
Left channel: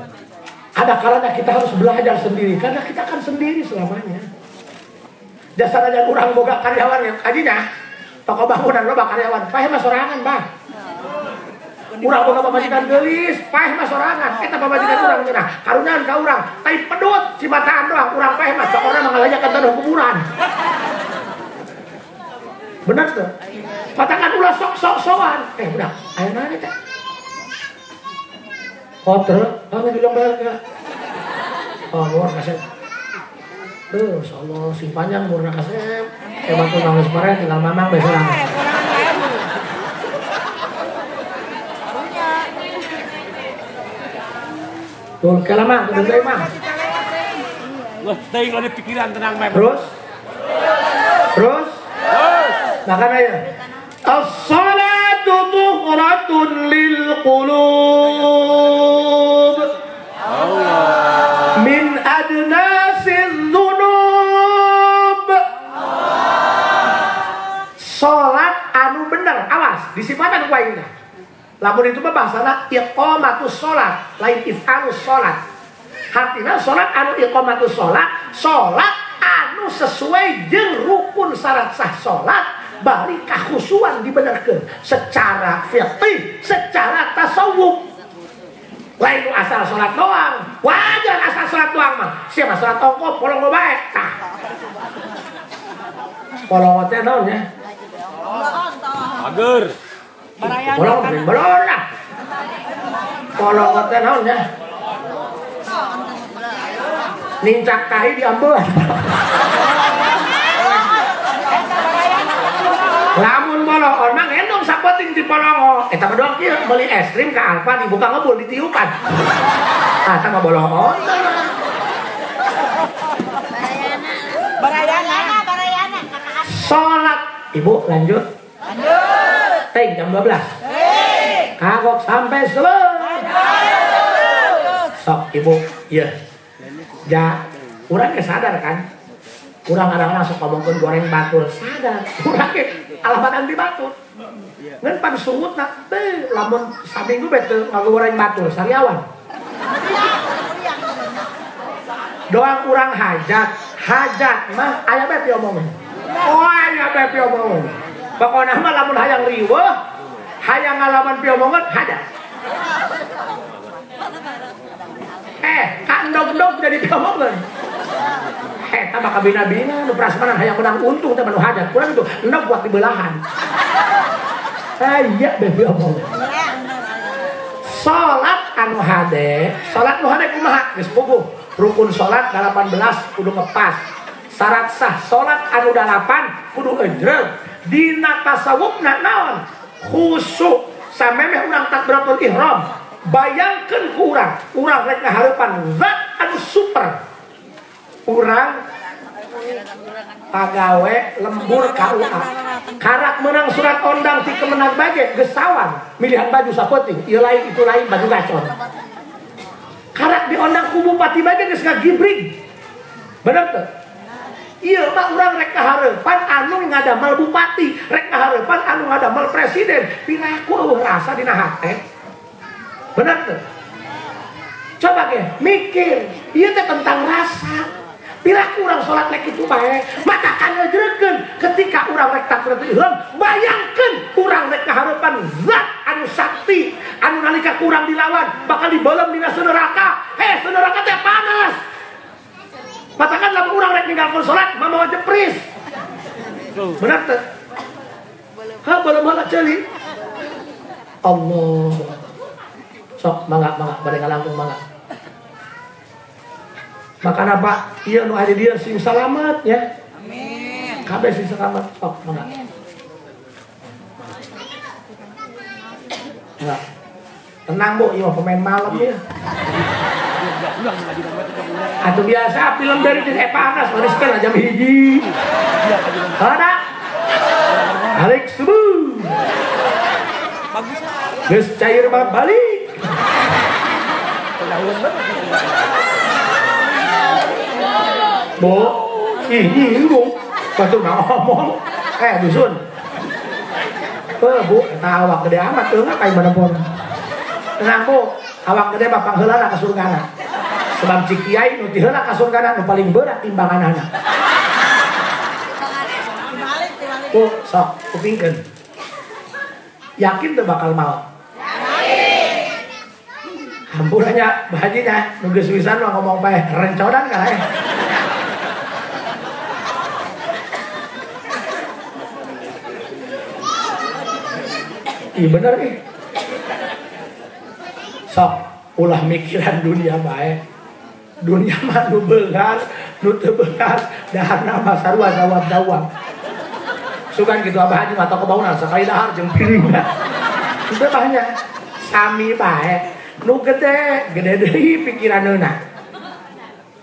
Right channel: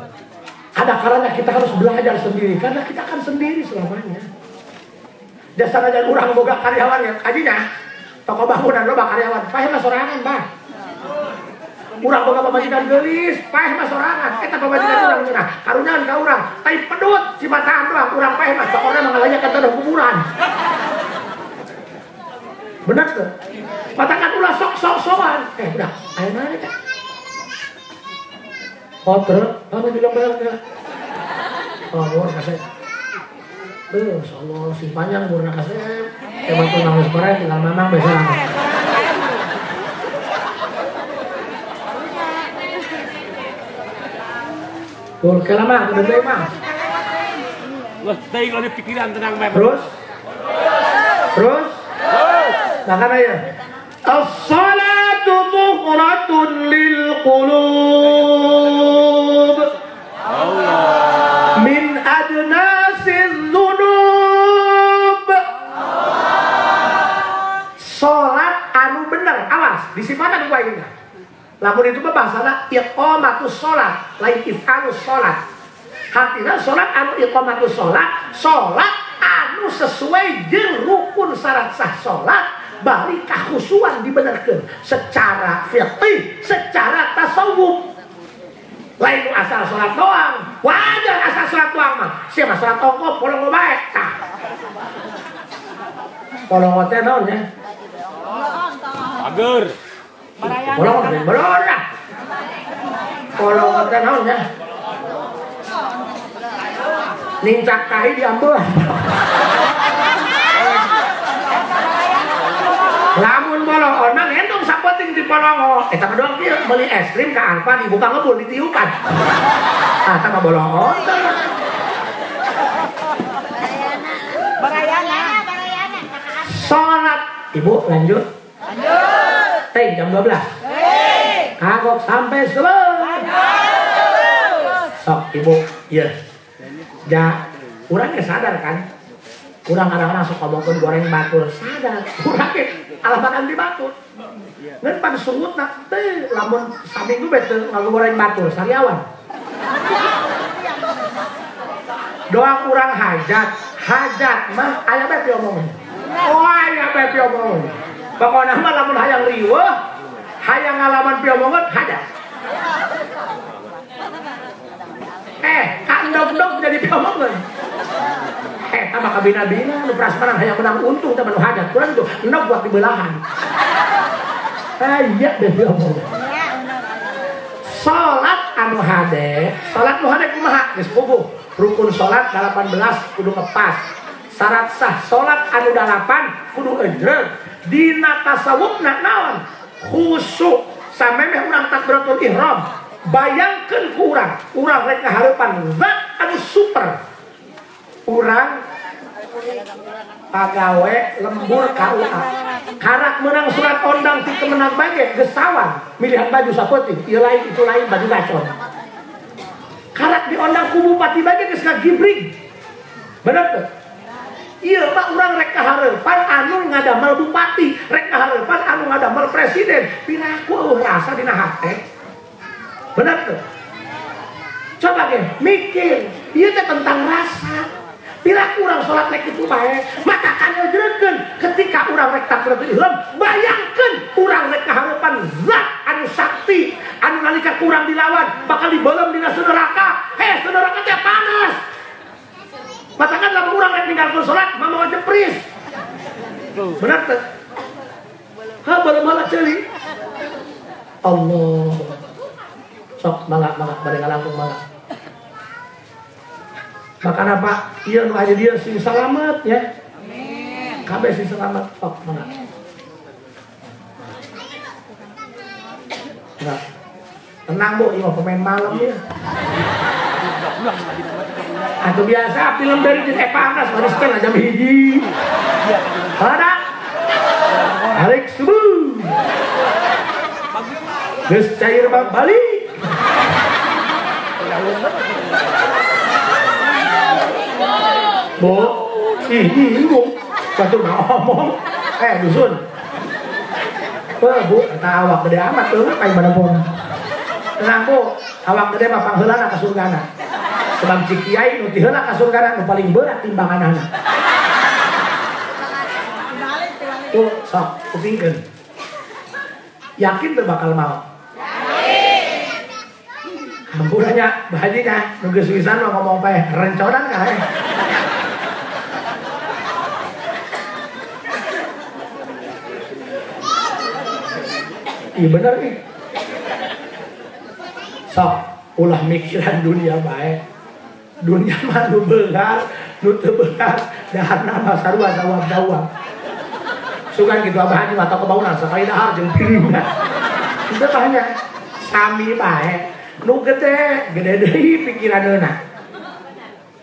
Ada kalanya kita harus belajar sendiri karena kita akan sendiri selamanya. Dasar aja urang boga karyawannya. Adinya toko bangunan loba karyawan. Pahe mah sorangan, Bah. Urang boga pamajikan geulis, paeh mah sorangan. Eta pamajikan urang cenah. Karunyaan ka urang, kai pedut cibataan doang urang paeh mah tokorna mangalayakeun kana kuburan. Benar tuh. Katakan ulah sok-sokan. Udah, ayo mana teh? Kotor, kamu bilang benar. Oh, kasih. Insyaallah si panjang murna kasih. Coba tuh nangis kemarin dengan mama besok. Tuh, kelama, udah jauh mah. Wah, tadi ada pikiran tenang, Mem. Terus? Makan aja. As-salatu tuqratun lil qulub. Allah. Min adnasiz dzunub. Salat anu bener, awas, disifatan ku ayeuna. Lamun itu mah bahasana iqamatus shalah, lain if'alus shalah. Artinya salat anu iqamatus shalah, salat anu sesuai jeung rukun syarat sah salat, bari kakhusyuan dibenerkeun secara fiqih, secara tasawuf. Lain asal salat doang. Wajar asal salat doang mah. Siapa salat ongkop polong bae. Tah. Polong teh naon nya? Pager. Polong lah. Polong teh naon nya? Nincak kahi diambil. Lamun bolong mah entong sapoting di polong. Eta doang kieu beli es krim ka Alfa dibuka ngebul ditiupan. Ah, tah bolong. Barayana. Salat. Ibu lanjut. Jam 12. Kagok sampai selesai. Sok ibu, iya. Ja, urang sadar kan? Urang anak-anak sok ngomongkeun goreng batur sadar. Urang ge alamat di batur. Ngan pan sungutna teh lamun saminggu bae teu ngagoreng batur sariawan. Doang urang hajat mah aya bae teh omongna. Wah, ya bae omong. Pokona mah lamun hayang riweuh, hayang ngalaman piomongan hadas. Kandog-dog jadi piomongan. Tambah kabina-bina, nu prasmanan hayang menang untung teh nu hadas. Kurang itu endog buat di belahan. Iya deh piomongan. Salat anu hade, salat nu hade kumaha? Geus puguh. Rukun salat 18 kudu ngepas. Syarat sah salat anu 8 kudu ejreg. Dina tasawufna naon? Khusyuk. Samemeh urang takbiratul ihram. Bayangkeun ku urang rek ngahareupan zat anu super. Urang pagawe lembur KUA. Karak menang surat ondang ti kemenang bage geus sawang milihan baju sapeuting ieu lain itu lain baju gacor. Karak diondang ku bupati bage geus ngagibrig. Bener teh? Ieu mah urang rek kahareupan anu ngadamel bupati, rek kahareupan anu ngadamel presiden. Pinaku eueuh rasa dina hate. Bener teh? Coba ge mikir, ieu teh tentang rasa. Bila urang sholat lek itu bae, maka kan ngejregeun ketika urang rek takbiratul ihram, bayangkeun urang rek kahareupan zat anu sakti, anu nalika urang dilawan bakal dibelem dina neraka. Neraka teh panas. Matakan lamun urang rek ninggalkeun sholat, mamawa jepris. Bener teh? Belum halak ceuli. Allah. Sok mangga bade ngalangkung mangga. Makanya Pak, iya nu ada dia sing salamet ya. Amin. Kabeh sing salamet sok mana. Nah. Tenang Bu, iya pemain malam ya. Atau biasa film dari panas, bereskan jam 1. Ada. Alex subuh. Geus cair balik. Bu, nyinggung, satu ngomong, dusun, Bu, awak gede amat tuh, kayak mana pun, tenang Bu, awak gede bapak heula ka surgana, sebab cik kiai nu heula ka surgana nu paling berat timbangan anak. Bu, sok, kupingkeun, yakin tuh bakal mau. Hampunanya, bahaji dah, nu geus wisan mah ngomong pae rencodan kan Iya bener nih. Sok ulah mikiran dunia baik. Dunia mah nu beungar, nu teu beungar, dahar nama sarua gawat dawang. Sugan kitu abah haji mata kebauna sakali dahar jeung pilihna. Itu banyak sami bae. Nu gede deui pikiraneuna.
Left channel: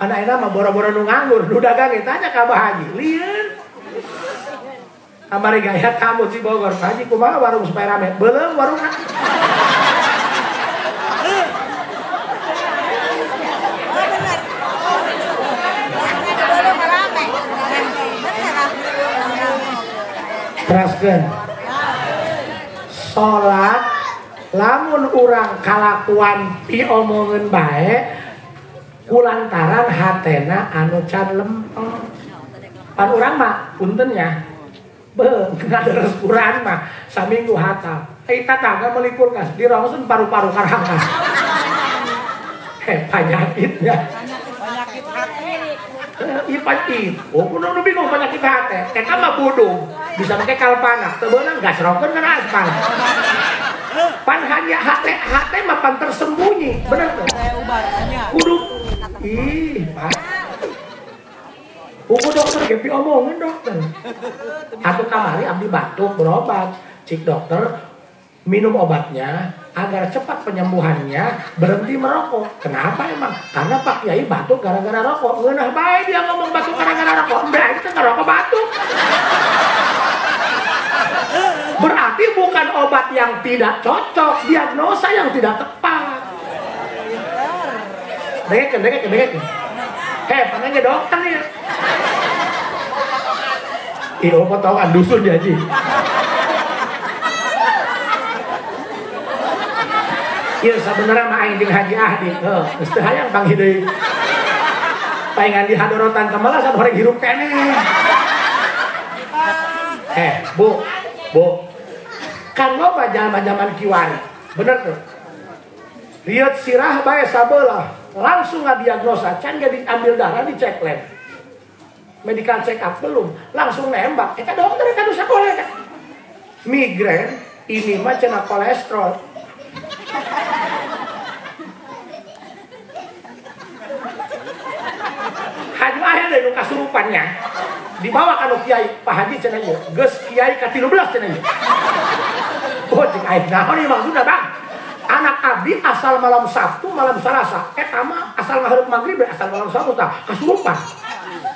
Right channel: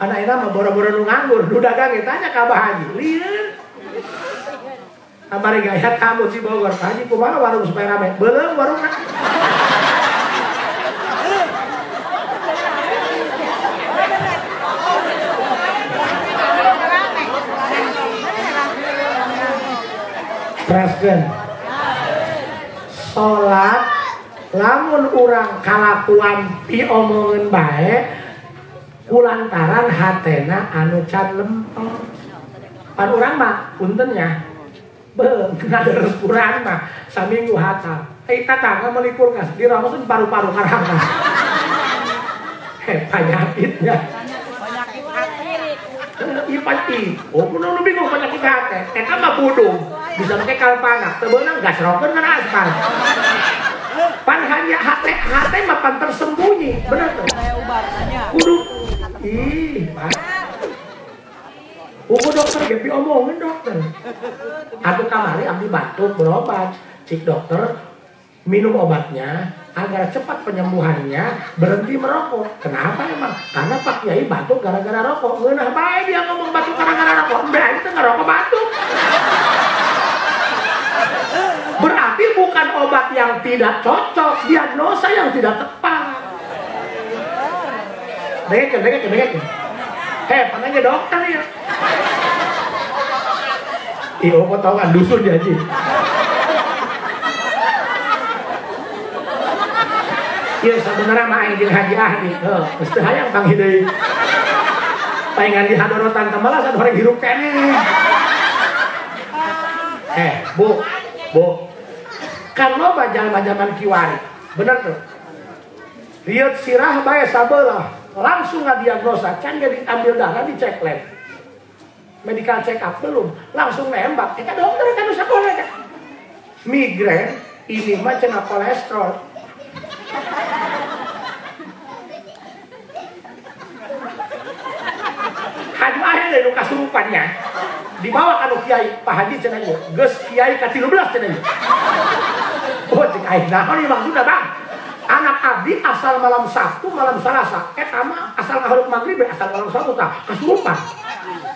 Anak-anak mah boro-boro nu nganggur, nu dagang tanya ka abah haji. Lieur. Amari gaya kamu di Bogor, haji kumaha warung supaya rame? Belum warungna. Teraskeun. Salat lamun urang kalakuan diomongeun bae kulantaran hatena anu can lempeng. Pan urang mah punten nya. Ngaderes kurang mah saminggu hatam. Tata ngelikur ngas dirameun paru-paru karang mah. Penyakitnya. Penyakit hati. Ipati. Oh, kudu bingung penyakit hati. Eta mah budung. Bisa make kalpana. Teu beunang gas rokeun kana aspal. Pan hanya hati mah pan tersembunyi. Bener tuh. Kudu. Ih, Pak. Buku dokter gepi omongin dokter. Atuh kamari abdi batuk berobat. Cik dokter minum obatnya agar cepat penyembuhannya, berhenti merokok. Kenapa emang? Karena Pak Kiai batuk gara-gara rokok. Ngeunah bae dia ngomong batuk gara-gara rokok. Udah itu ngerokok batuk. Berarti bukan obat yang tidak cocok, diagnosa yang tidak tepat. Dengekin. Panggil dokter ya. Iya, potongan dusun ya, Ji. Iya, sebenarnya mah aing jeung Haji Ahdi. Geus teu hayang panggil deui. Paingan di hadorotan teh malah sabaraha hirup keneh. Bu, kan loba zaman kiwari, bener tuh. Lihat sirah bae sabelah, langsung ngadiagnosa, can gak diambil darah dicek lab. Medical check up belum, langsung nembak. Kita dokter kan usah boleh. Migrain, ini mah cenah kolesterol. Haju akhir dari kasurupannya. Dibawa kanu kiai Pak Haji cenah ieu. Geus kiai ka 13 cenah ieu. Oh, cek aing naon ieu maksudna, Bang? Anak abdi asal malam Sabtu, malam Selasa. Eta mah asal ngahareup magrib, asal malam Sabtu tah kasurupan.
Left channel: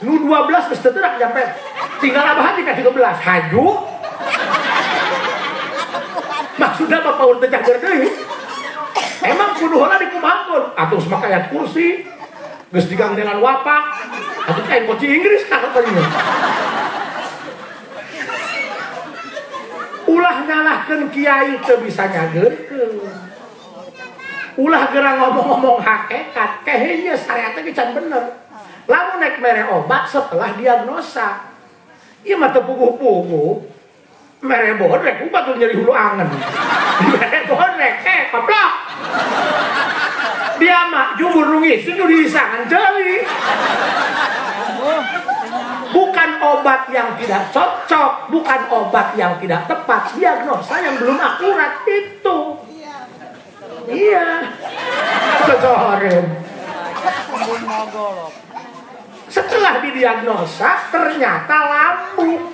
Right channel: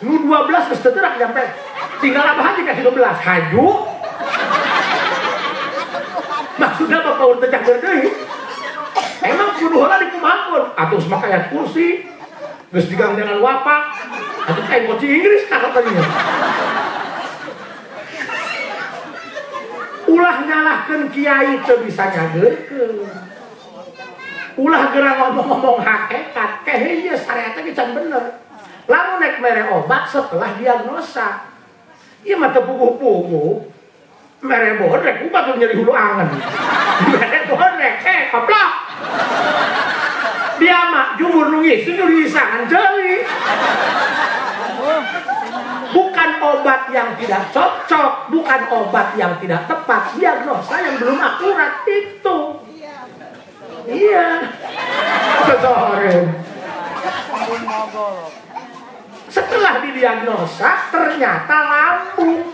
Nu 12 geus teu teurak nyampe. Tinggal abahan di ka 13. Haju. Maksudnya apa paur teh jager deui? Emang kudu heula dikumampun. Atuh make aya kursi. Geus digangdengan wapak. Atuh kayak koci Inggris katanya. Ulah nyalahkeun kiai teu bisa nyageurkeun. Ulah geura ngomong-ngomong hakikat, keheuh syariat teh can bener. Lamun nek mere obat setelah diagnosa. Ieu mah teu puguh-puguh. Mere bodrek ubat nyeri hulu angen. Mere bodrek koplok. Dia mah jumur nu ngisi nu diisangan deui. Bukan obat yang tidak cocok, bukan obat yang tidak tepat, diagnosa yang belum akurat itu. Iya. Seseorang. Setelah didiagnosa ternyata lambung.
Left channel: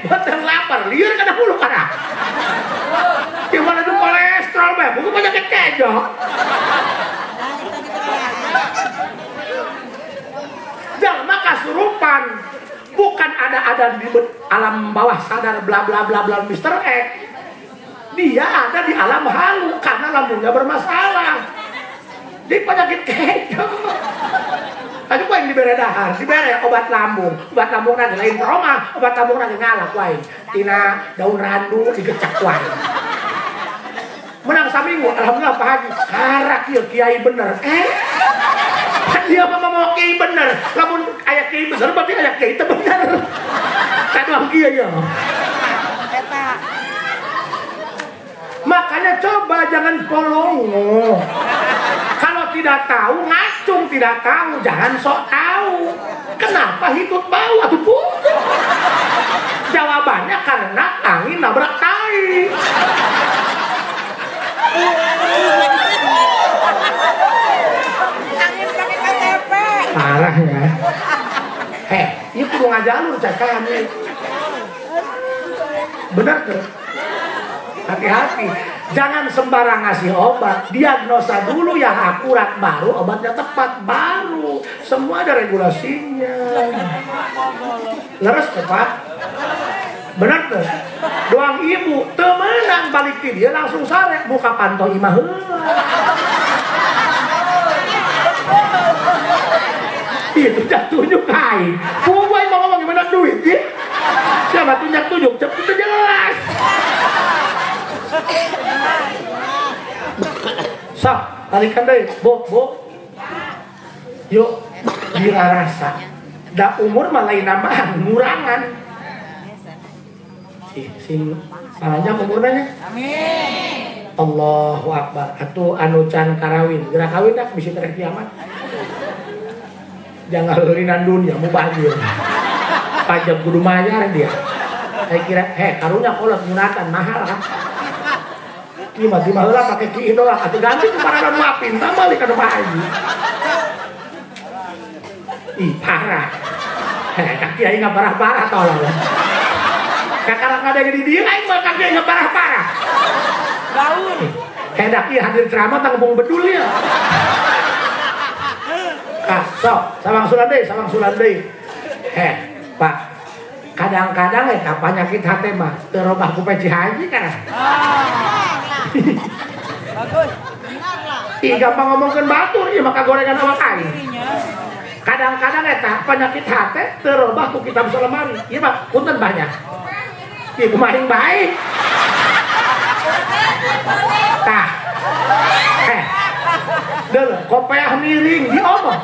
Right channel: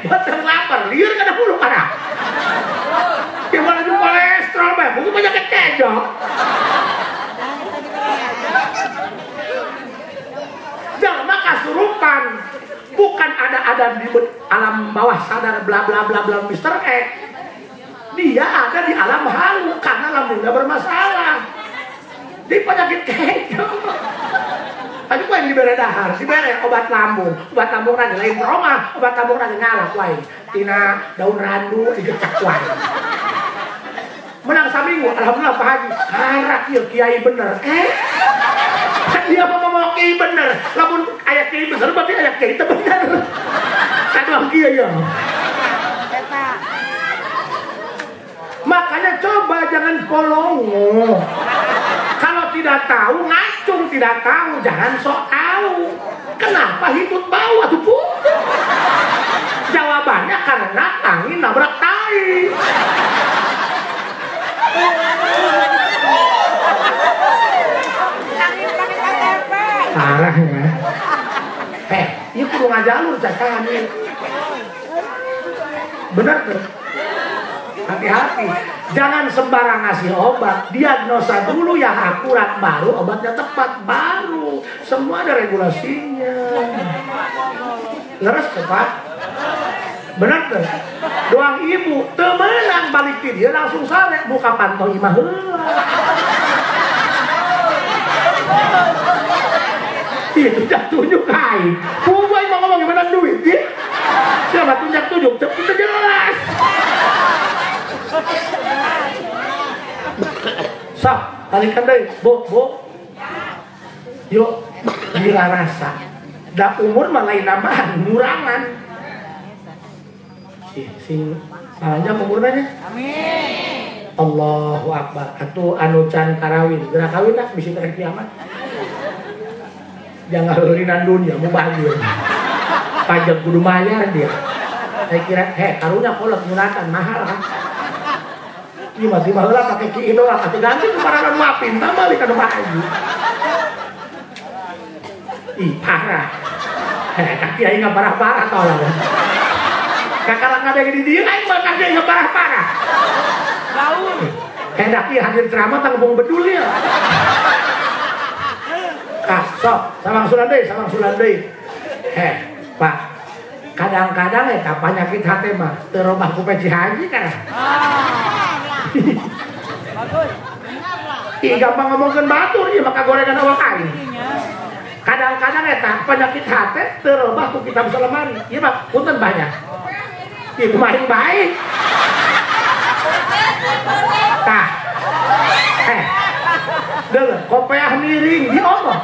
Betul lapar, liur kada hulu kana. Gimana tuh kolesterol bae, bukan penyakit kejok. Jalma kasurupan, bukan ada di alam bawah sadar bla bla bla bla Mr. X. Dia ada di alam halu karena lambungnya bermasalah. Di penyakit kejok. Tadi gua yang diberi dahar, diberi obat lambung nanti lain trauma, obat lambung nanti ngalap lain. Tina daun randu digecak wae. Menang saminggu, alhamdulillah Pak Haji. Harak ieu kiai bener. Dia mau kiai bener. Lamun aya kiai besar berarti aya kiai teu bener. Kadang kieu ya. Makanya coba jangan polongo. Kalau tidak tahu ngacung, tidak tahu jangan sok tahu. Kenapa hidup bau atuh putu? Jawabannya karena angin nabrak tai. Parah ya. Ini perlu ngajalur cakaan ini. Benar tuh. Hati-hati. Jangan sembarang ngasih obat. Diagnosa dulu yang akurat, baru obatnya tepat, baru. Semua ada regulasinya. Leres tepat. Benar tuh. Doang ibu temenan balik dia langsung sare buka pantau imah heula. Itu dah tunjuk kai. Buat mau ngomong gimana duit ya? Siapa tunjuk itu jelas. Sok, balikan deh, bu. Yuk, dia rasa. Dah umur malah nambahan, ngurangan. Sing salahnya umurnya. Amin. Allahu Akbar. Atuh anu can karawin, geura kawin dah bisa teh kiamat. Jangan heurinan dunia mau bahagia. Pajak kudu mayar dia. Saya kira, karunya kolot ngeunakan mahal kan. Ieu mah di baheula pake ki doang, atuh ganti kumaha mapin, tambah li kana bahayu. Ih, parah. Kaki aing parah-parah tolong. Kakarang ada di dia aing mah kaki aing parah-parah. Gaul. Hendak ieu hadir ceramah tang bung bedul ya. Sok, samang sulan deui. Pak. Kadang-kadang eta penyakit hate mah teu robah ku peci haji kan. Ih, gampang ngomongkeun batur ieu mah kagorengan awak aing. Kadang-kadang eta penyakit hate teu robah ku kitab Sulaiman. Ieu mah punten banyak. Ieu kumaring bae. Tah. Deuleu kopeah miring diomong.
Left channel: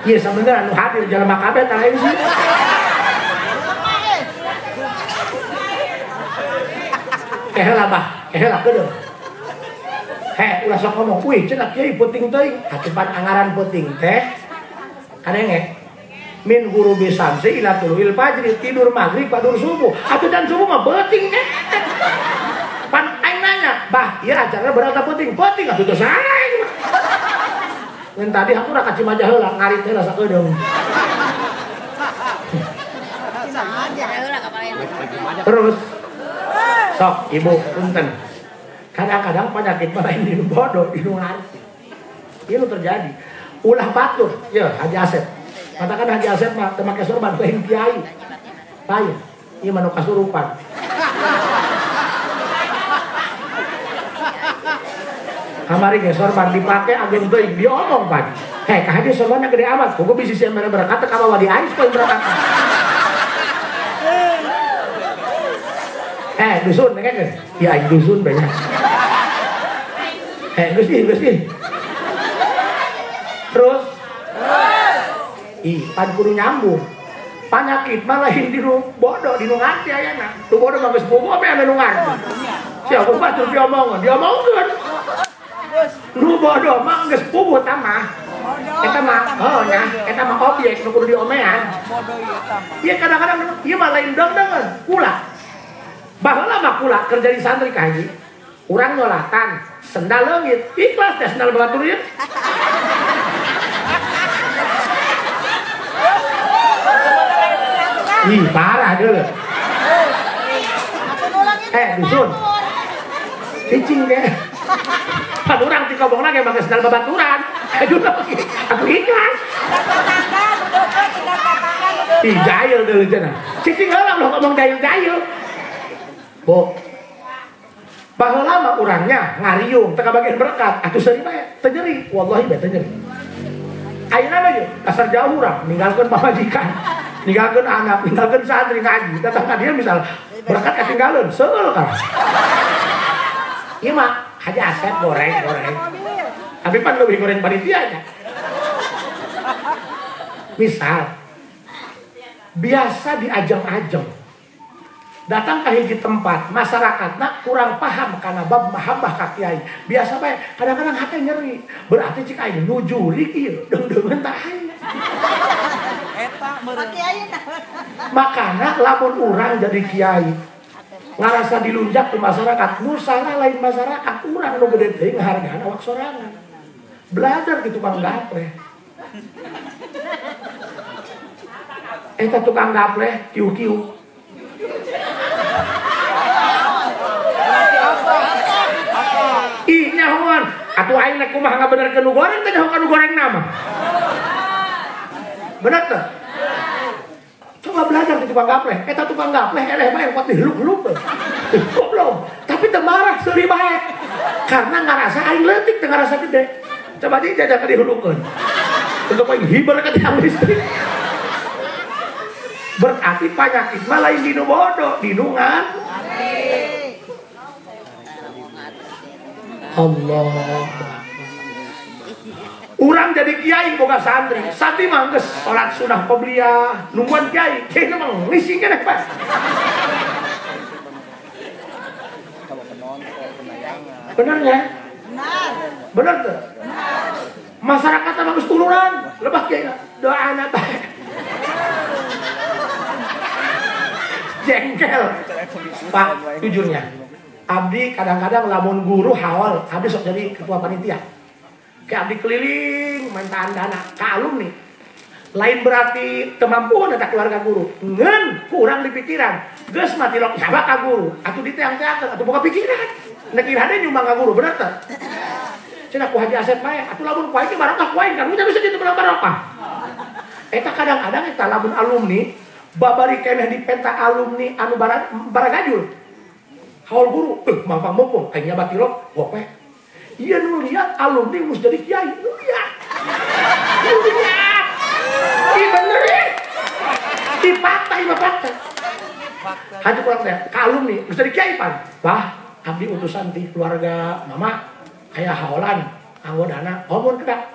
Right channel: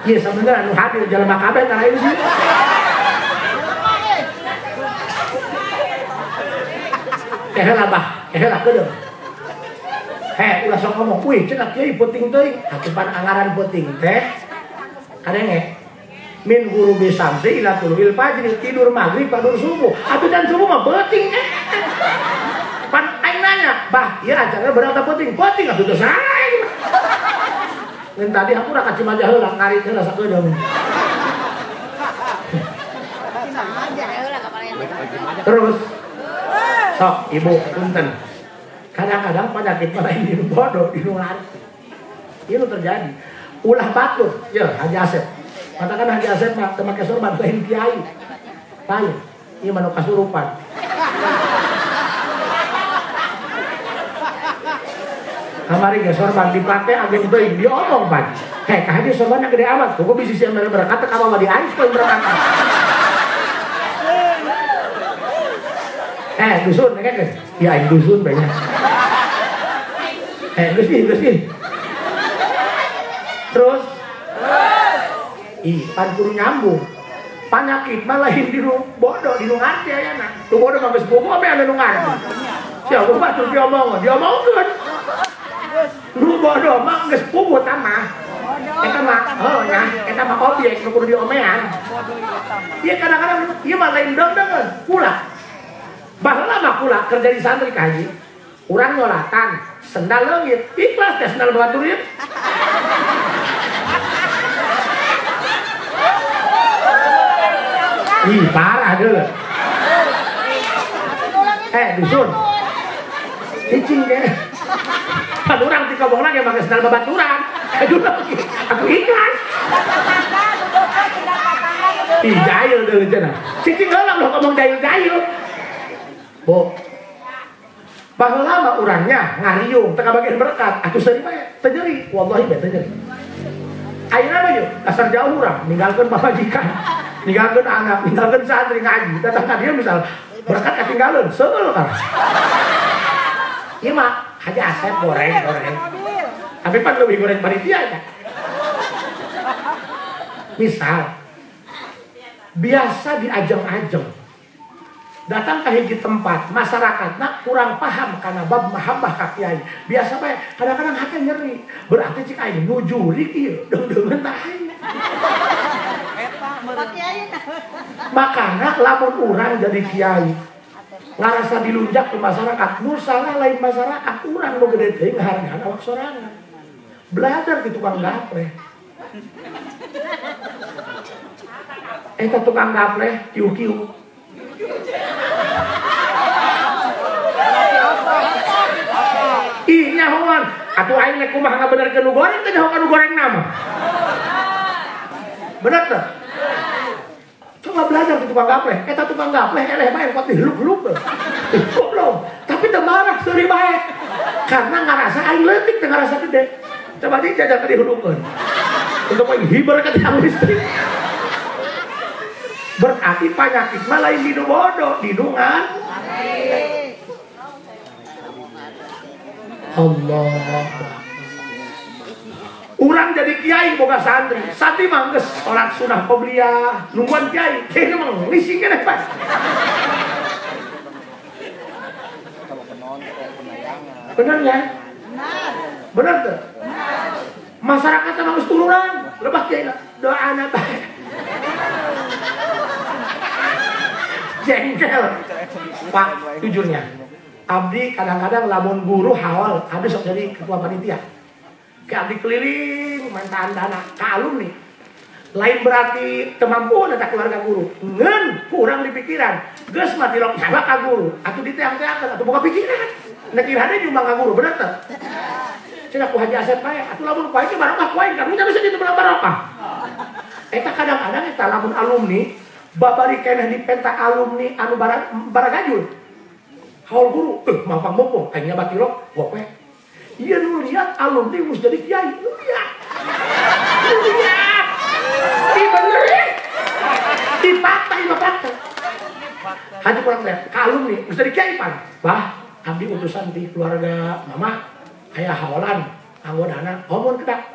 Iya sebenarnya anu hadir jelema kabeh tah ieu sih. Heheula bah, heheula kedeung. Ulah sok ngomong, "Wih, cenah kieu penting teuing." Hatepan angaran penting teh. Kadenge min guru bisamsi ila tuluil fajri tidur maghrib padur subuh. Atuh dan subuh mah penting teh. Pan aing nanya, "Bah, ieu acara berapa penting?" "Penting atuh teh sae." Dan tadi aku udah kasih majah heula ngarit heula sakedeung. Terus sok ibu punten. Kadang-kadang penyakit lain di bodoh di ngarti. Ini terjadi. Ulah batur, ya Haji Asep. Katakan Haji Asep mah teu make sorban lain kiai. Payu. Ieu mah nu kasurupan. Kamari ge sorban dipake agen teuing diomong Pak. Ka hadi sorbanna gede amat. Kudu bisi sia mere berkat ka bawa di ais poe berkat. Dusun kan? Ya dusun banyak. Gusti. Terus pan kudu nyambung. Panyakit malah di nu bodoh di nu ngarti aya mah. Tu bodoh mah geus bogo ame anu ngarti. Sia ku batur diomongkeun. Nu bodoh mah geus bogo tah mah. Eta mah objek nu kudu diomean. Ieu kadang-kadang ieu mah lain dong-dongan, pula. Baheula mah pula kerja di santri ka haji. Urang nolatan, sendal leungit, ikhlas teh sendal batur ieu. Ih, parah deh. Dusun. Cicing ge. Kan urang ti kobongna ge make sendal babaturan. Aku ikhlas. Ih, jahil deui cenah. Cicing heula lo ngomong jahil. Bo. Baheula mah urangnya ngariung teu kabagian berkat, atuh seuri bae teu nyeri, wallahi bae teu nyeri. Ayeuna mah ye dasar jauh urang ninggalkeun pamajikan, ninggalkeun anak, ninggalkeun santri ngaji, datang ka dieu misal berkat ketinggalan, seul kan. Ieu mah Haji Asep goreng. Tapi pan lebih goreng panitia nya. Misal biasa diajeng-ajeng datang ke hiji tempat masyarakatna kurang paham karena bab mahabbah ka kiai biasa bae kadang-kadang hate nyeri berarti cik aing nujuri kieu deungeun tah aing eta meureun makana lamun urang jadi kiai ngarasa dilunjak ke masyarakat nu salah lain masyarakat urang nu gede teuing ngahargaan awak sorangan belajar di tukang gapleh eta tukang gapleh kiu-kiu ih nyahoan atuh aing nek kumaha ngabenerkeun nu goreng teh nyahoan nu goreng nama bener teh coba belajar ke tukang gapleh eta tukang gapleh eleh bae kok dihirup-hirup teh goblok tapi teu marah seuri bae karena ngarasa aing leutik teh ngarasa gede coba dijajak dihirupkeun untuk hiber ke tiang listrik berarti penyakit mah lain di nu bodoh di nu ngan Allah urang jadi kiai boga santri santri mah geus salat sunah qobliyah nungguan kiai kiai mah ngising keneh Pak bener ya bener tuh masyarakat mah geus tuluran lebah kiai doana bae jengkel Pak jujurnya abdi kadang-kadang lamun guru hawal abdi sok jadi ketua panitia kayak abdi keliling main dana ke alumni lain berarti kemampuan ada keluarga guru ngen kurang di pikiran geus mati lo sabak ka guru atuh diteang-teang atuh boga pikiran nek irade nyumbang ka guru bener teh cenah ku Haji Asep bae atuh lamun bae ke barokah ku aing kan nya bisa ditu barokah eta kadang-kadang eta lamun alumni babari keneh di penta alumni anu baragajul haul guru mampang mumpung aingnya bakilok gope ieu nu lihat alumni geus jadi kiai lihat di bener dipatah hati kurang teh ka alumni geus jadi kiai pan bah abdi utusan di keluarga mama aya haolan anggodana omong kedak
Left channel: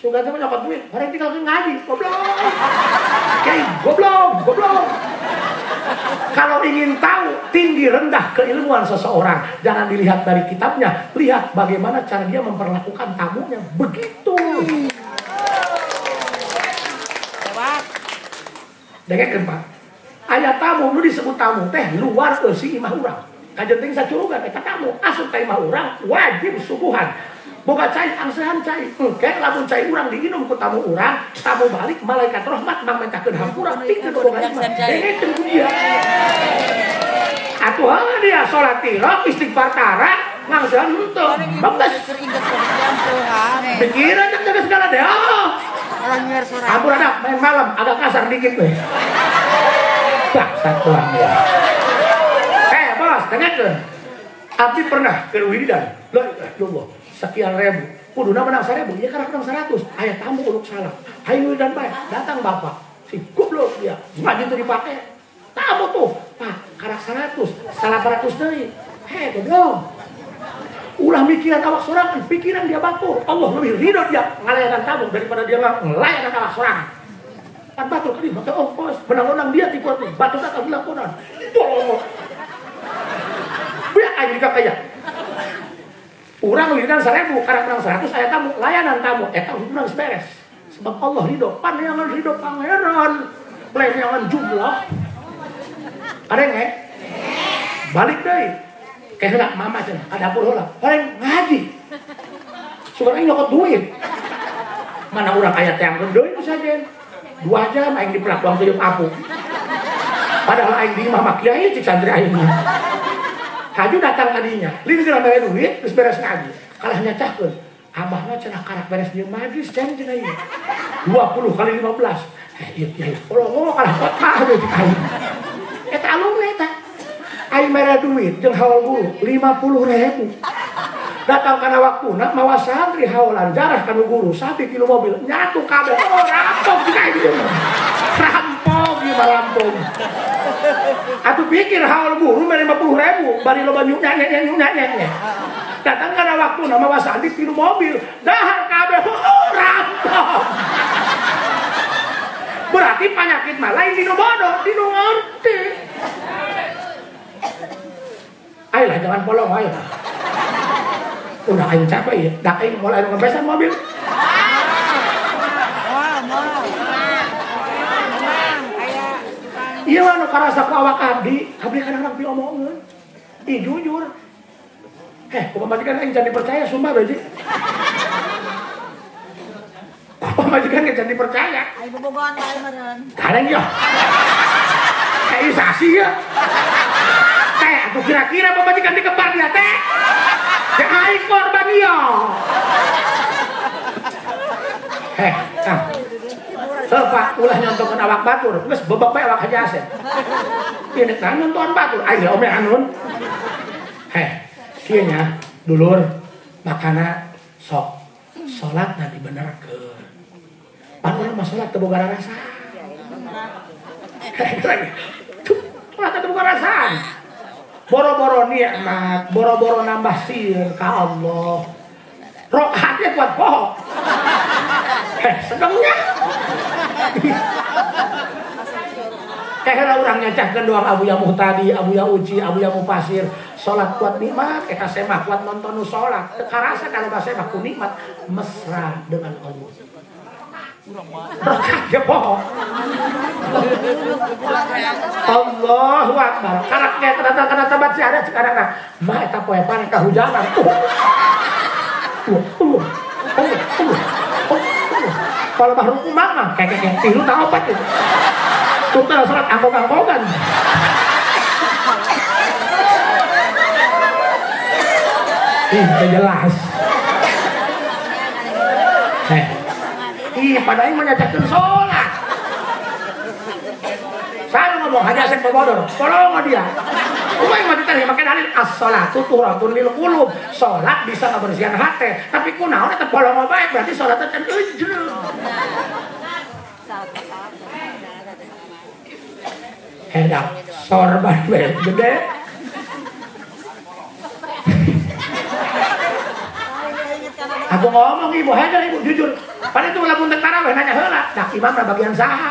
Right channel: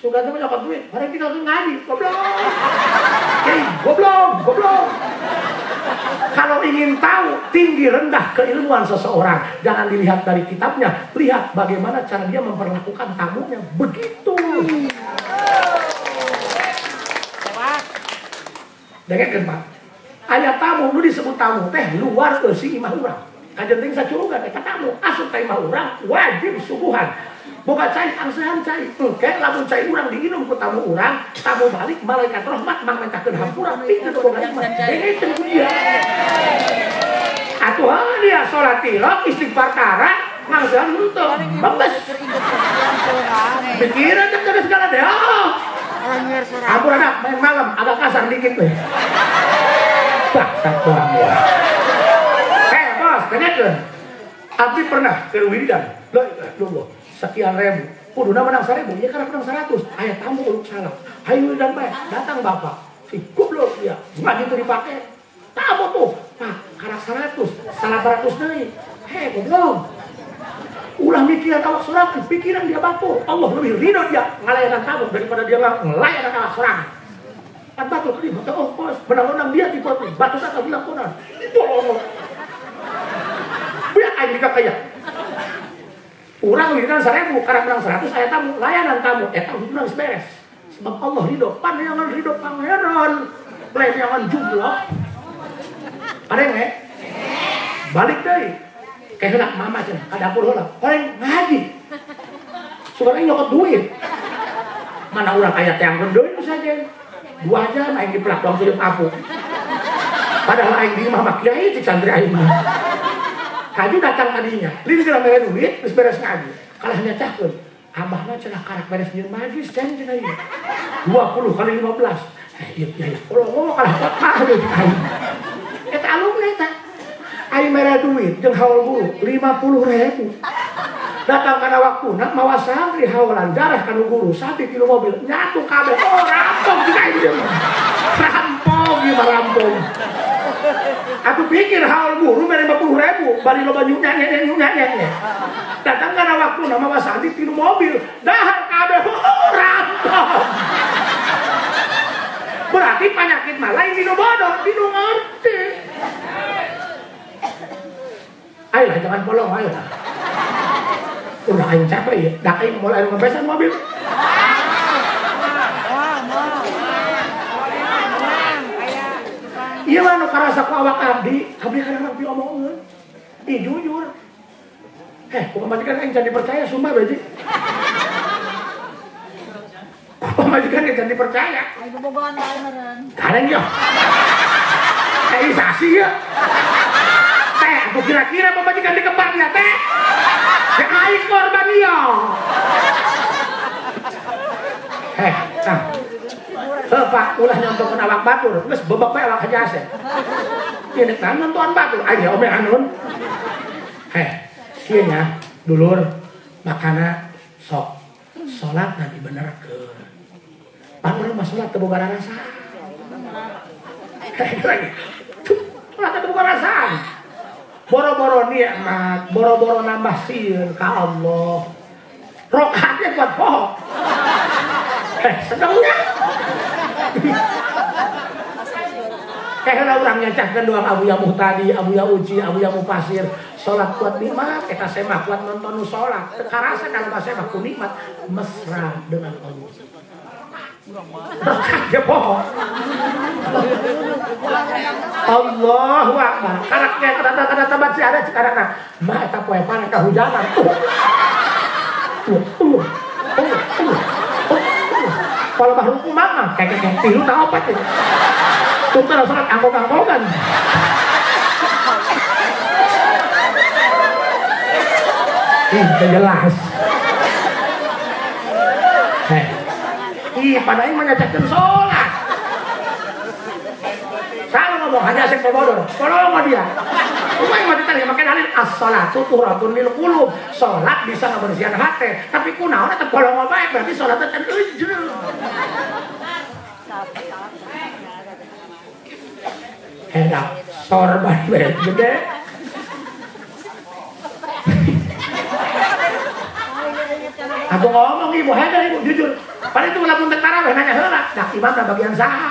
Suka tuh nyokot duit, orang tinggal ngaji, goblok. Oke, goblok. Kalau ingin tahu tinggi rendah keilmuan seseorang, jangan dilihat dari kitabnya, lihat bagaimana cara dia memperlakukan tamunya. Begitu. Dengar Pak. Ayah tamu lu disebut tamu teh luar si imah urang. Kajenting sacurugan eta tamu asup ka imah urang wajib subuhan. Boga cai angsehan cai. Engke lamun cai urang diinum ku tamu urang, tamu balik malaikat rahmat mangmentakeun hampura pikeun boga imah. Dene teh dia. Atuh dia salat tirak istighfar tara ngangsehan henteu. Bagus. Pikiran teh segala deh. Ampun ada main malam agak kasar dikit tuh. Satuan ya. Bos, dengarkan. Abdi pernah ke Wiridan. Loh, sekian ribu. Kuduna menang 1000, ya karena menang 100. Ayah tamu urut salah. Hayu Wiridan baik, datang bapak. Si goblok dia, nggak gitu dipakai. Tamu tuh, karak 100, salah 100 deui. Goblok. Ulah mikiran awak sorangan, pikiran dia batur. Allah lebih ridho dia ngelayanan tamu daripada dia ngelayanan awak sorangan. Kan batur tadi, maka bos, benar-benar dia tipe nih, batur tak bilang konan. Bohong. Biar aja juga kayak. Urang wiridan 1000, karena menang 100, saya tamu, layanan tamu. Harus menang beres. Sebab Allah ridho, panjangan ridho pangeran. Pelayanan jumlah. Ada yang balik deh. Kayak mama aja, ada dapur lah. Orang ngaji. Suka ini lokot duit. Mana orang kayak tiang duit itu saja. 2 jam aing di pelak waktu hidup aku. Padahal aing di mama kiai cik santri aing. Haju datang tadinya. Lini kira bayar duit, terus beres ngaji. Kalah nyacahkeun. Abahna cenah karak beres jeung majlis ceng cenah ieu. 20 kali 15. Iya. Kalau kalah kakak aja cik aing. Eta alumni eta. Aing mere duit jeung haul guru 50.000. Datang kana waktuna mawa santri haulan jarah kana guru 1 kilo mobil nyatu kabeh. Rampung juga ieu. Rampung. Atuh pikir haul guru mere 50.000 bari loba nyunya. Datang kana waktuna mawa santri 3 mobil dahar kabeh. Rampung. Berarti penyakit mah lain dinu bodoh, dinu ngerti. Ayolah jangan polong, ayolah. Udah aing capek ya, dah aing mulai ngebesan mobil. Iya lah, nu karasa ku awak abdi kadang-kadang diomongeun. Ih jujur. Kumaha majikan aing can dipercaya sumpah doji. Kumaha majikan aing can dipercaya. Aing bobogohan bae meureun. Karen yo. Sasi ya. Aku kira-kira pemajikan di kembar dia teh. Yang aing korban dia. Bapak ulah nonton awak batur, geus bebek bae awak hajase. Ini kan nonton batur, aing ome anun. Kieu nya, dulur makana sok salat nanti bener ke. Padahal mah salat teu boga rasa. Salat teu boga rasa. Boro-boro nikmat, boro-boro nambah sir ka Allah. Rokaatnya buat bohong. Sedangnya. Orang nyacahkan doang Abu Ya Muhtadi, Abu Ya Uji, Abu Ya Mufasir. Sholat kuat nikmat, semah kuat nonton sholat. Karasa kalau semah ku nikmat, mesra dengan Allah. Dia bohong. Allahu Akbar. Karaknya kata baca ada sekarang nah. Mah eta poe panen kahujanan. Kalau baru kumang kayak tilu ka opat itu. Tutur salat anggong-anggongan. Jelas. Iya, padahal menyatakan sholat. Saya ngomong hanya asik bodoh. Tolong dia. Cuma yang matikan yang makin dalil as-sholatu tuhratun lil qulub. Sholat bisa membersihkan hati. Tapi kunaon eta bolong bae berarti sholatnya kan ujur. Enak sorban bae gede. Aku ngomong ibu, hajar ibu jujur. Padahal itu lamun teu tarawih nanya heula, dah imam bagian saha?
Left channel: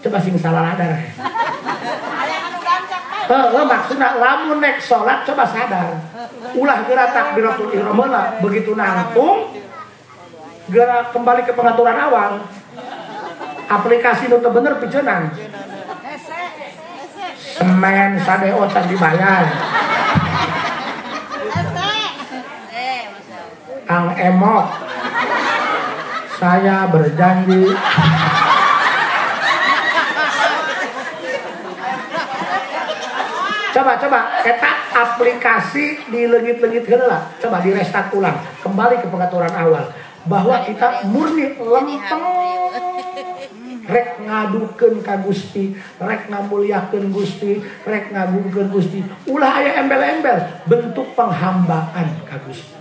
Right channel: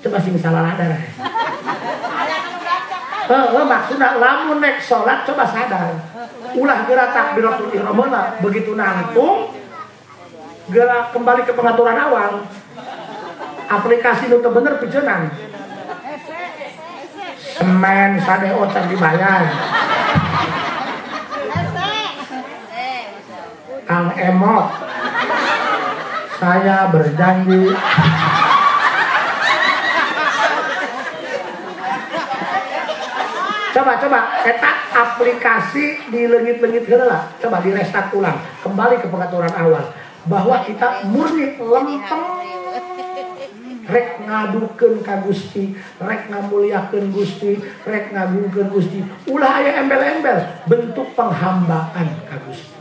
Coba sing salah sadar. Maksudnya lamun nek sholat coba sadar. Ulah gerak takbiratul ihram lah begitu nangtung gerak kembali ke pengaturan awal. Aplikasi nu teu bener pijenan. Semen sade otak dibayar. Kang Emok, saya berjanji coba ketak aplikasi dilengit-lengit heula, coba di restart ulang kembali ke pengaturan awal bahwa kita murni lempeng rek ngadukeun ka Gusti, rek ngamuliakeun Gusti, rek ngagukeun Gusti. Ulah aya embel-embel bentuk penghambaan ka Gusti.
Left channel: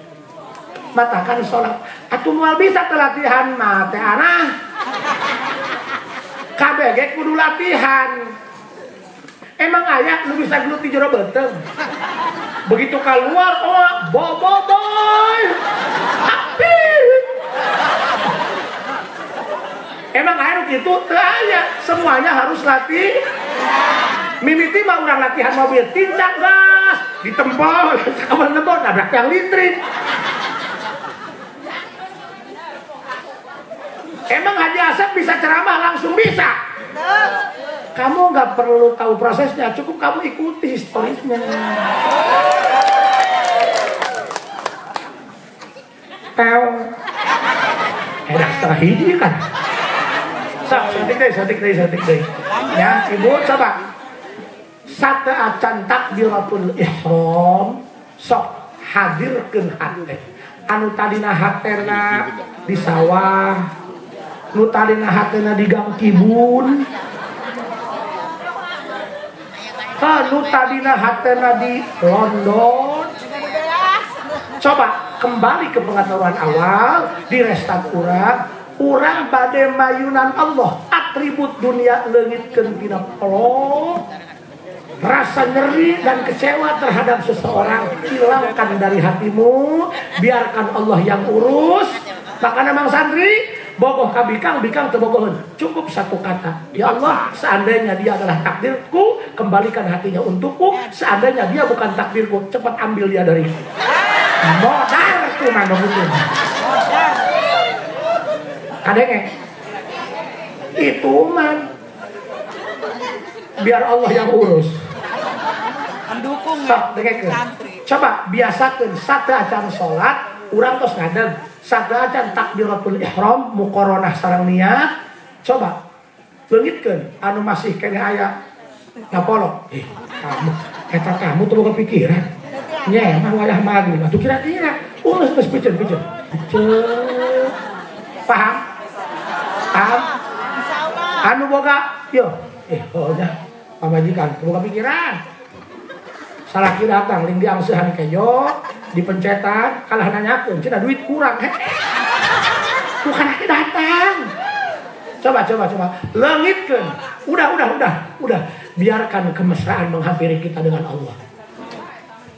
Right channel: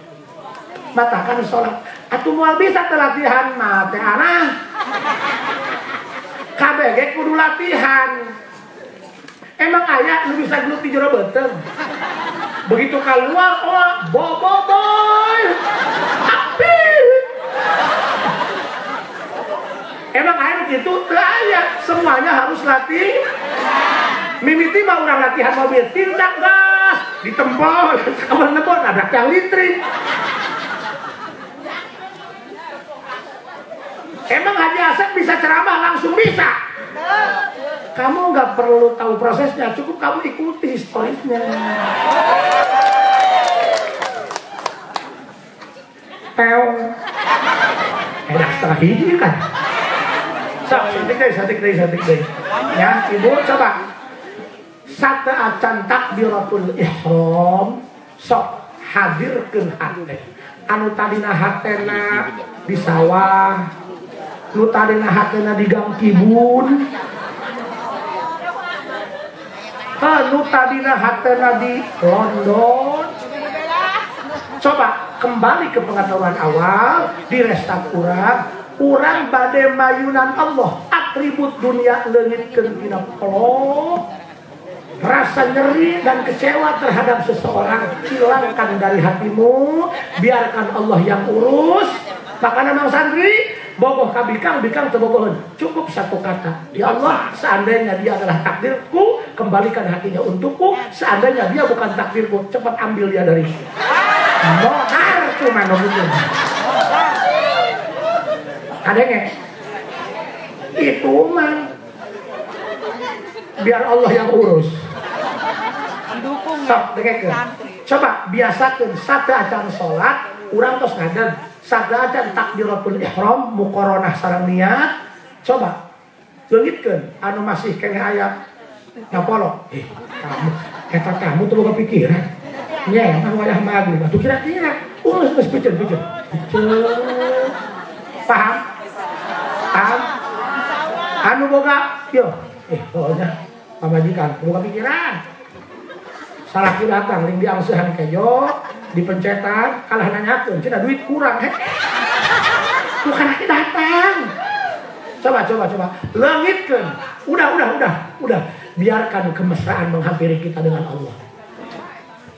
Matakan sholat atuh moal bisa latihan mah teh anah kabeh ge kudu latihan. Emang aya nu bisa gelut di jero beuteung begitu keluar boboiboy emang aya gitu teu aya semuanya harus latih mimiti mah urang latihan mobil tindak gas ditempel kapan nebot nabrak yang litrin. Emang Haji Asep bisa ceramah langsung bisa? Kamu nggak perlu tahu prosesnya, cukup kamu ikuti historinya. Tahu? Setengah hiji kan? Sadik deh. Ya, ibu coba. Sate acan takbiratul ihram, sok hadirkeun hate. Anu tadina hatena di sawah. Nu tadina hatena di Gang Kibun, nu tadina hatena di London. Coba kembali ke pengaturan awal, di restart urang bade mayunan Allah, atribut dunia leungitkeun dina Allah. Rasa nyeri dan kecewa terhadap seseorang hilangkan dari hatimu, biarkan Allah yang urus. Makanya Mang Sandri bogoh ka bikang tebogohan. Cukup satu kata. Ya Allah, seandainya dia adalah takdirku, kembalikan hatinya untukku. Seandainya dia bukan takdirku, cepat ambil dia dariku. Modal itu mana betul. Kadenge. Itu mah biar Allah yang urus. Coba biasakan sate acan sholat, urang tos ngadeg. Sate acan takbiratul ihram, muqaranah sareng niat. Coba leungitkeun anu masih kene aya ngapolo. Kamu eta kamu tuh boga pikiran. Nya, anu ngalah magu. Atuh kira-kira urus geus piceun. Paham? Anu boga, yo. Pokoknya pamajikan boga pikiran. Salaki datang ling diangsehan kejo, dipencetan, kalah nanyakeun, cenah duit kurang bukan datang. Coba. Leungitkeun. Udah. Biarkan kemesraan menghampiri kita dengan Allah.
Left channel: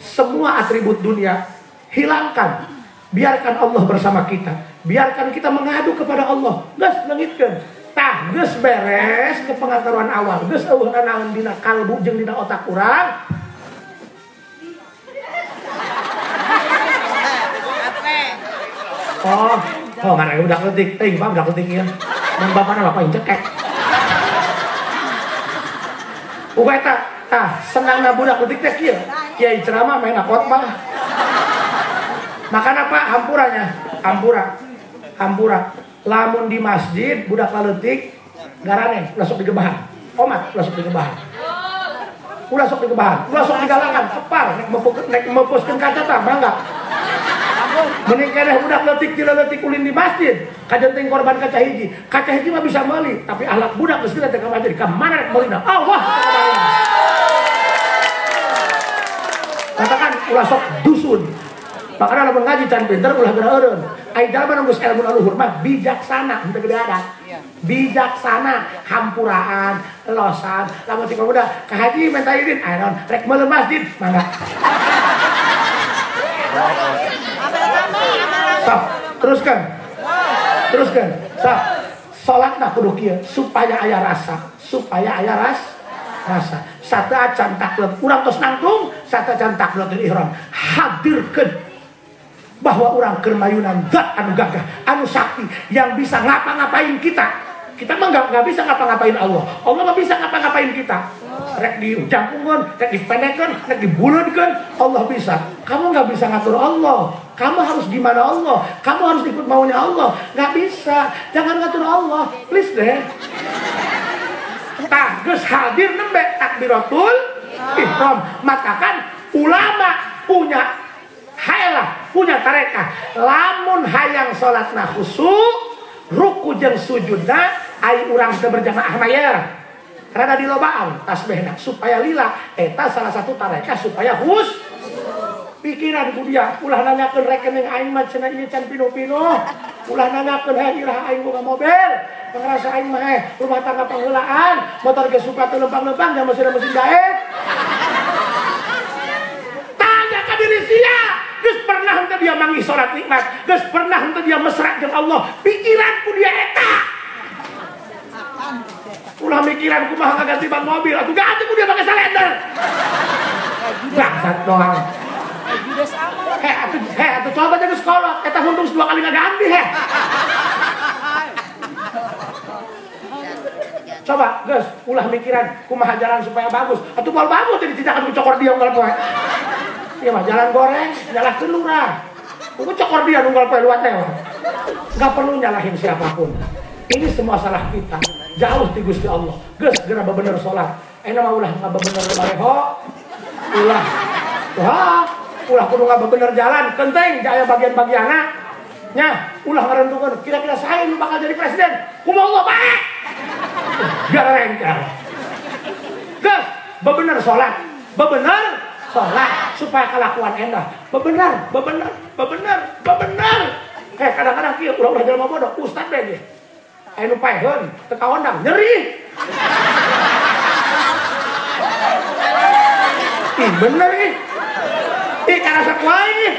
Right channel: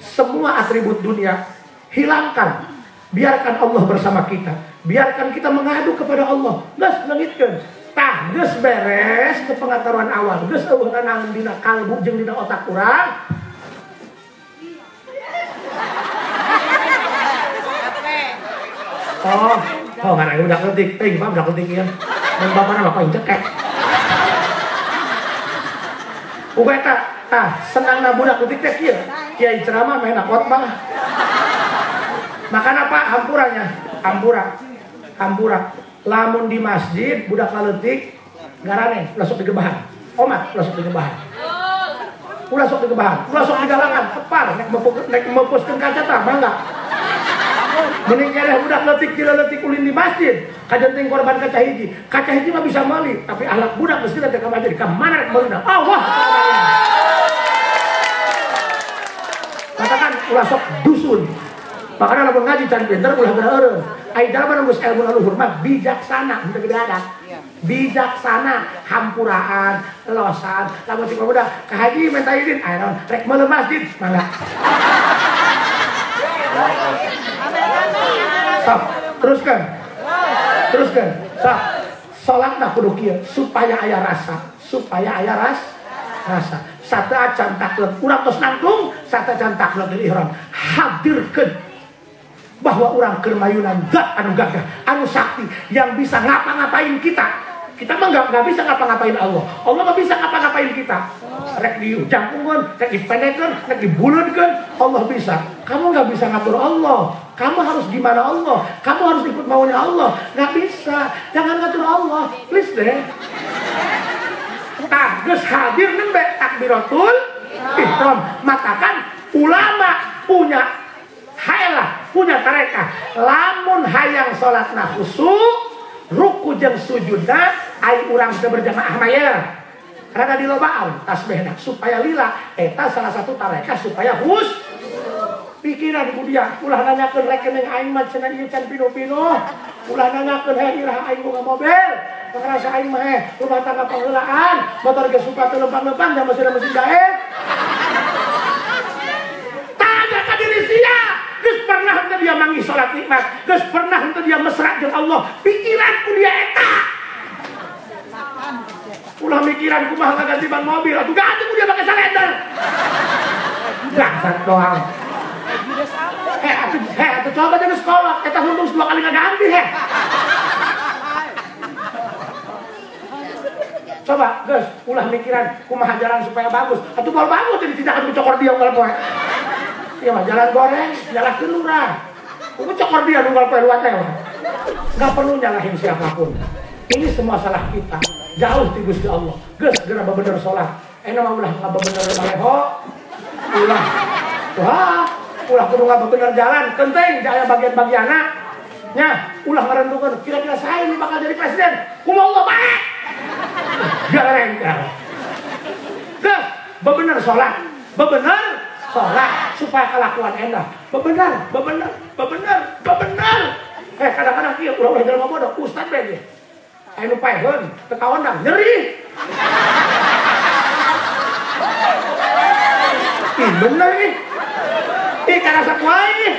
Semua atribut dunia hilangkan. Biarkan Allah bersama kita. Biarkan kita mengadu kepada Allah. Geus leungitkeun. Tah geus beres ke pengaturan awal. Geus eueuh naon dina kalbu jeung dina otak urang. Oh, mana udah ketik, Pak udah ketik ya. Dan bapaknya bapak yang cekek. Uga eta, senangna budak ketiknya kieu. Kiai ceramah main khotbah. Makan apa? Hampura. Lamun di masjid budak kaletik garane ulah sok digebahan. Omat ulah sok digebahan. Ulah sok di galangan, kepar nek mepuskeun kaca tah mangga. Mending kene budak leutik ulin di masjid, kajenting korban kaca hiji mah bisa meuli, tapi ahlak budak geus teh ka masjid ka mana rek meulina. Allah taala. Katakan ulah sok dusun. Makanya lamun ngaji can pinter ulah beureureun. Aida menunggu ilmu leluhur mah bijaksana, henteu gede ada. Bijaksana, hampuraan, losan, lamun si pemuda ka haji minta izin, aya rek meuleuh masjid, mangga. Sok, teruskan. Sok, salatna kudu kieu supaya aya rasa, rasa. Satu acan taklek urang tos nangtung, satu acan taklek di ihram. Hadirkeun bahwa orang kermayunan zat anu gagah, anu sakti yang bisa ngapa-ngapain kita. Kita mah nggak bisa ngapa-ngapain Allah. Allah nggak bisa ngapa-ngapain kita. Rek dijangkungkan, rek dipendekan, rek dibuleutkeun, Allah bisa. Kamu nggak bisa ngatur Allah. Kamu harus gimana Allah. Kamu harus ikut maunya Allah. Nggak bisa. Jangan ngatur Allah. Please deh. Nah, geus hadir nembe takbiratul ihram. Maka kan ulama punya tarekah. Lamun hayang salatna khusyuk, ruku jeung sujudna ai urang teu berjamaah maya. Rada dilobaan tasbihna supaya lila eta salah satu tarekah supaya pikiran ku dia ulah nanyakeun rekening aing mah cenah ieu can pino-pino. Ulah nanyakeun he iraha aing boga mobil. Ngerasa aing mah rumah tangga pangheulaan, motor ge suka teu lempang-lempang dan mesin jahit. Tanya ka diri sia. Geus pernah henteu dia manggih salat nikmat, geus pernah henteu dia mesra jeung Allah. Pikiranku dia eta. Ulah mikiran kumaha ganti ban mobil, atuh ganti ku dia pakai salender. Dasar doang. Atuh coba jadi sekolah, eta untung 2 kali ngaganti he. Coba, geus ulah mikiran kumaha jalan supaya bagus. Atuh moal bagus teh tidak atuh cokor dia unggal poe. Iya mah jalan goreng, nyalahkeun lurah. Kudu cokor dia unggal poe luar teh. Enggak perlu nyalahin siapapun. Ini semua salah kita. Jauh ti Gusti Allah. Geus geura bebener salat. Ena mah ulah ngabebener maleho. Ulah kudu ngabebener jalan, penting aya bagian-bagianna. Nya, ulah ngarentukeun kira-kira saya ini bakal jadi presiden. Kumaha bae. Gareng. Geus bebener salat. Supaya kelakuan endah. Bebener. Kadang-kadang kieu ulah jalan bodoh, ustad deh. Anu paeheun, teu kaondang nyeri. Ih bener nih. Ih kana sakumaha ini.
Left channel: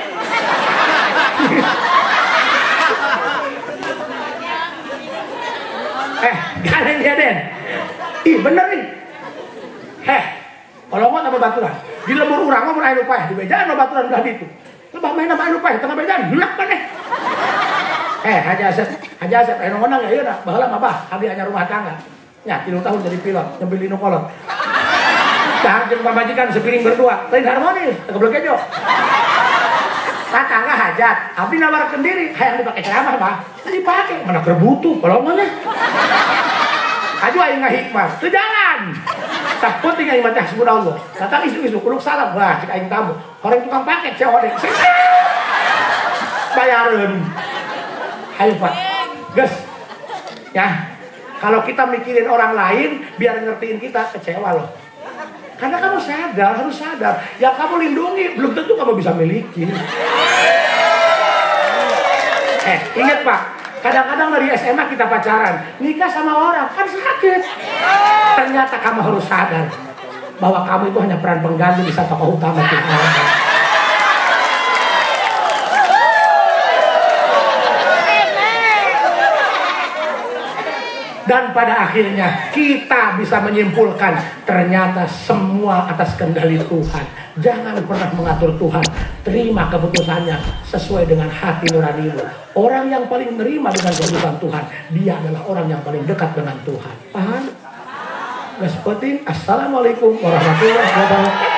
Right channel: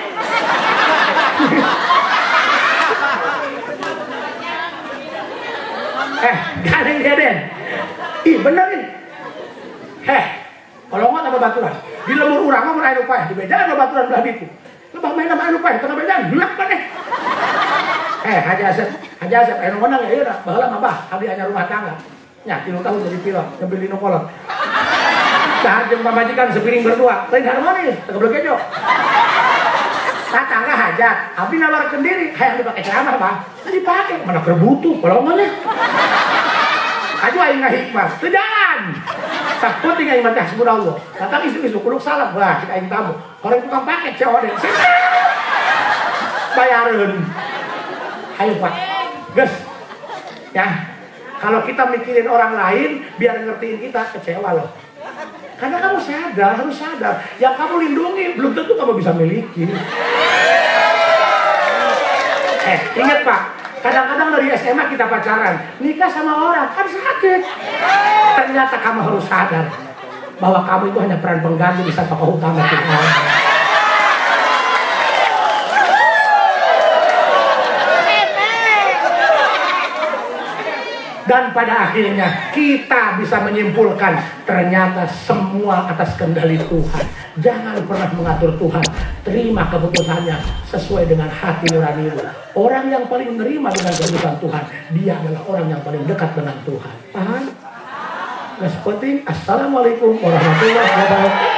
Gandeng dia den. Ih bener nih. Kalau mah tambah baturan. Di lembur urang mah mun aya nu paeh, di bedaan mah baturan belah ditu. Lebah main mah anu paeh, tengah bedaan hilak kan Haji Asep, anu menang ya ieu dah, baheula mah bah, abdi anyar rumah tangga. Nya 3 tahun jadi pilot, ngambil lino kolot. Cahar jeung pamajikan sepiring berdua, lain harmonis, teu goblok gejo. Tatangga hajat, abdi nawarkeun diri, hayang dipake ceramah bah. Dipake, mana keur butuh, kalau mah nih. Aju aing ngahikmah, teu jalan. Tak penting aing mah teh subhanallah. Datang isu-isu kudu salam, wah cek aing tamu. Orang tukang paket COD. Bayareun. Ayo Pak. Gus. Ya. Kalau kita mikirin orang lain biar ngertiin kita, kecewa loh. Karena kamu harus sadar. Yang kamu lindungi belum tentu kamu bisa miliki. Ingat Pak. Kadang-kadang dari SMA kita pacaran, nikah sama orang kan sakit. Ternyata kamu harus sadar bahwa kamu itu hanya peran pengganti di saat tokoh utama kita. Dan pada akhirnya kita bisa menyimpulkan ternyata semua atas kendali Tuhan. Jangan pernah mengatur Tuhan. Terima keputusannya sesuai dengan hati nuranimu. Orang yang paling menerima dengan keputusan Tuhan, dia adalah orang yang paling dekat dengan Tuhan. Paham? Assalamualaikum warahmatullahi wabarakatuh.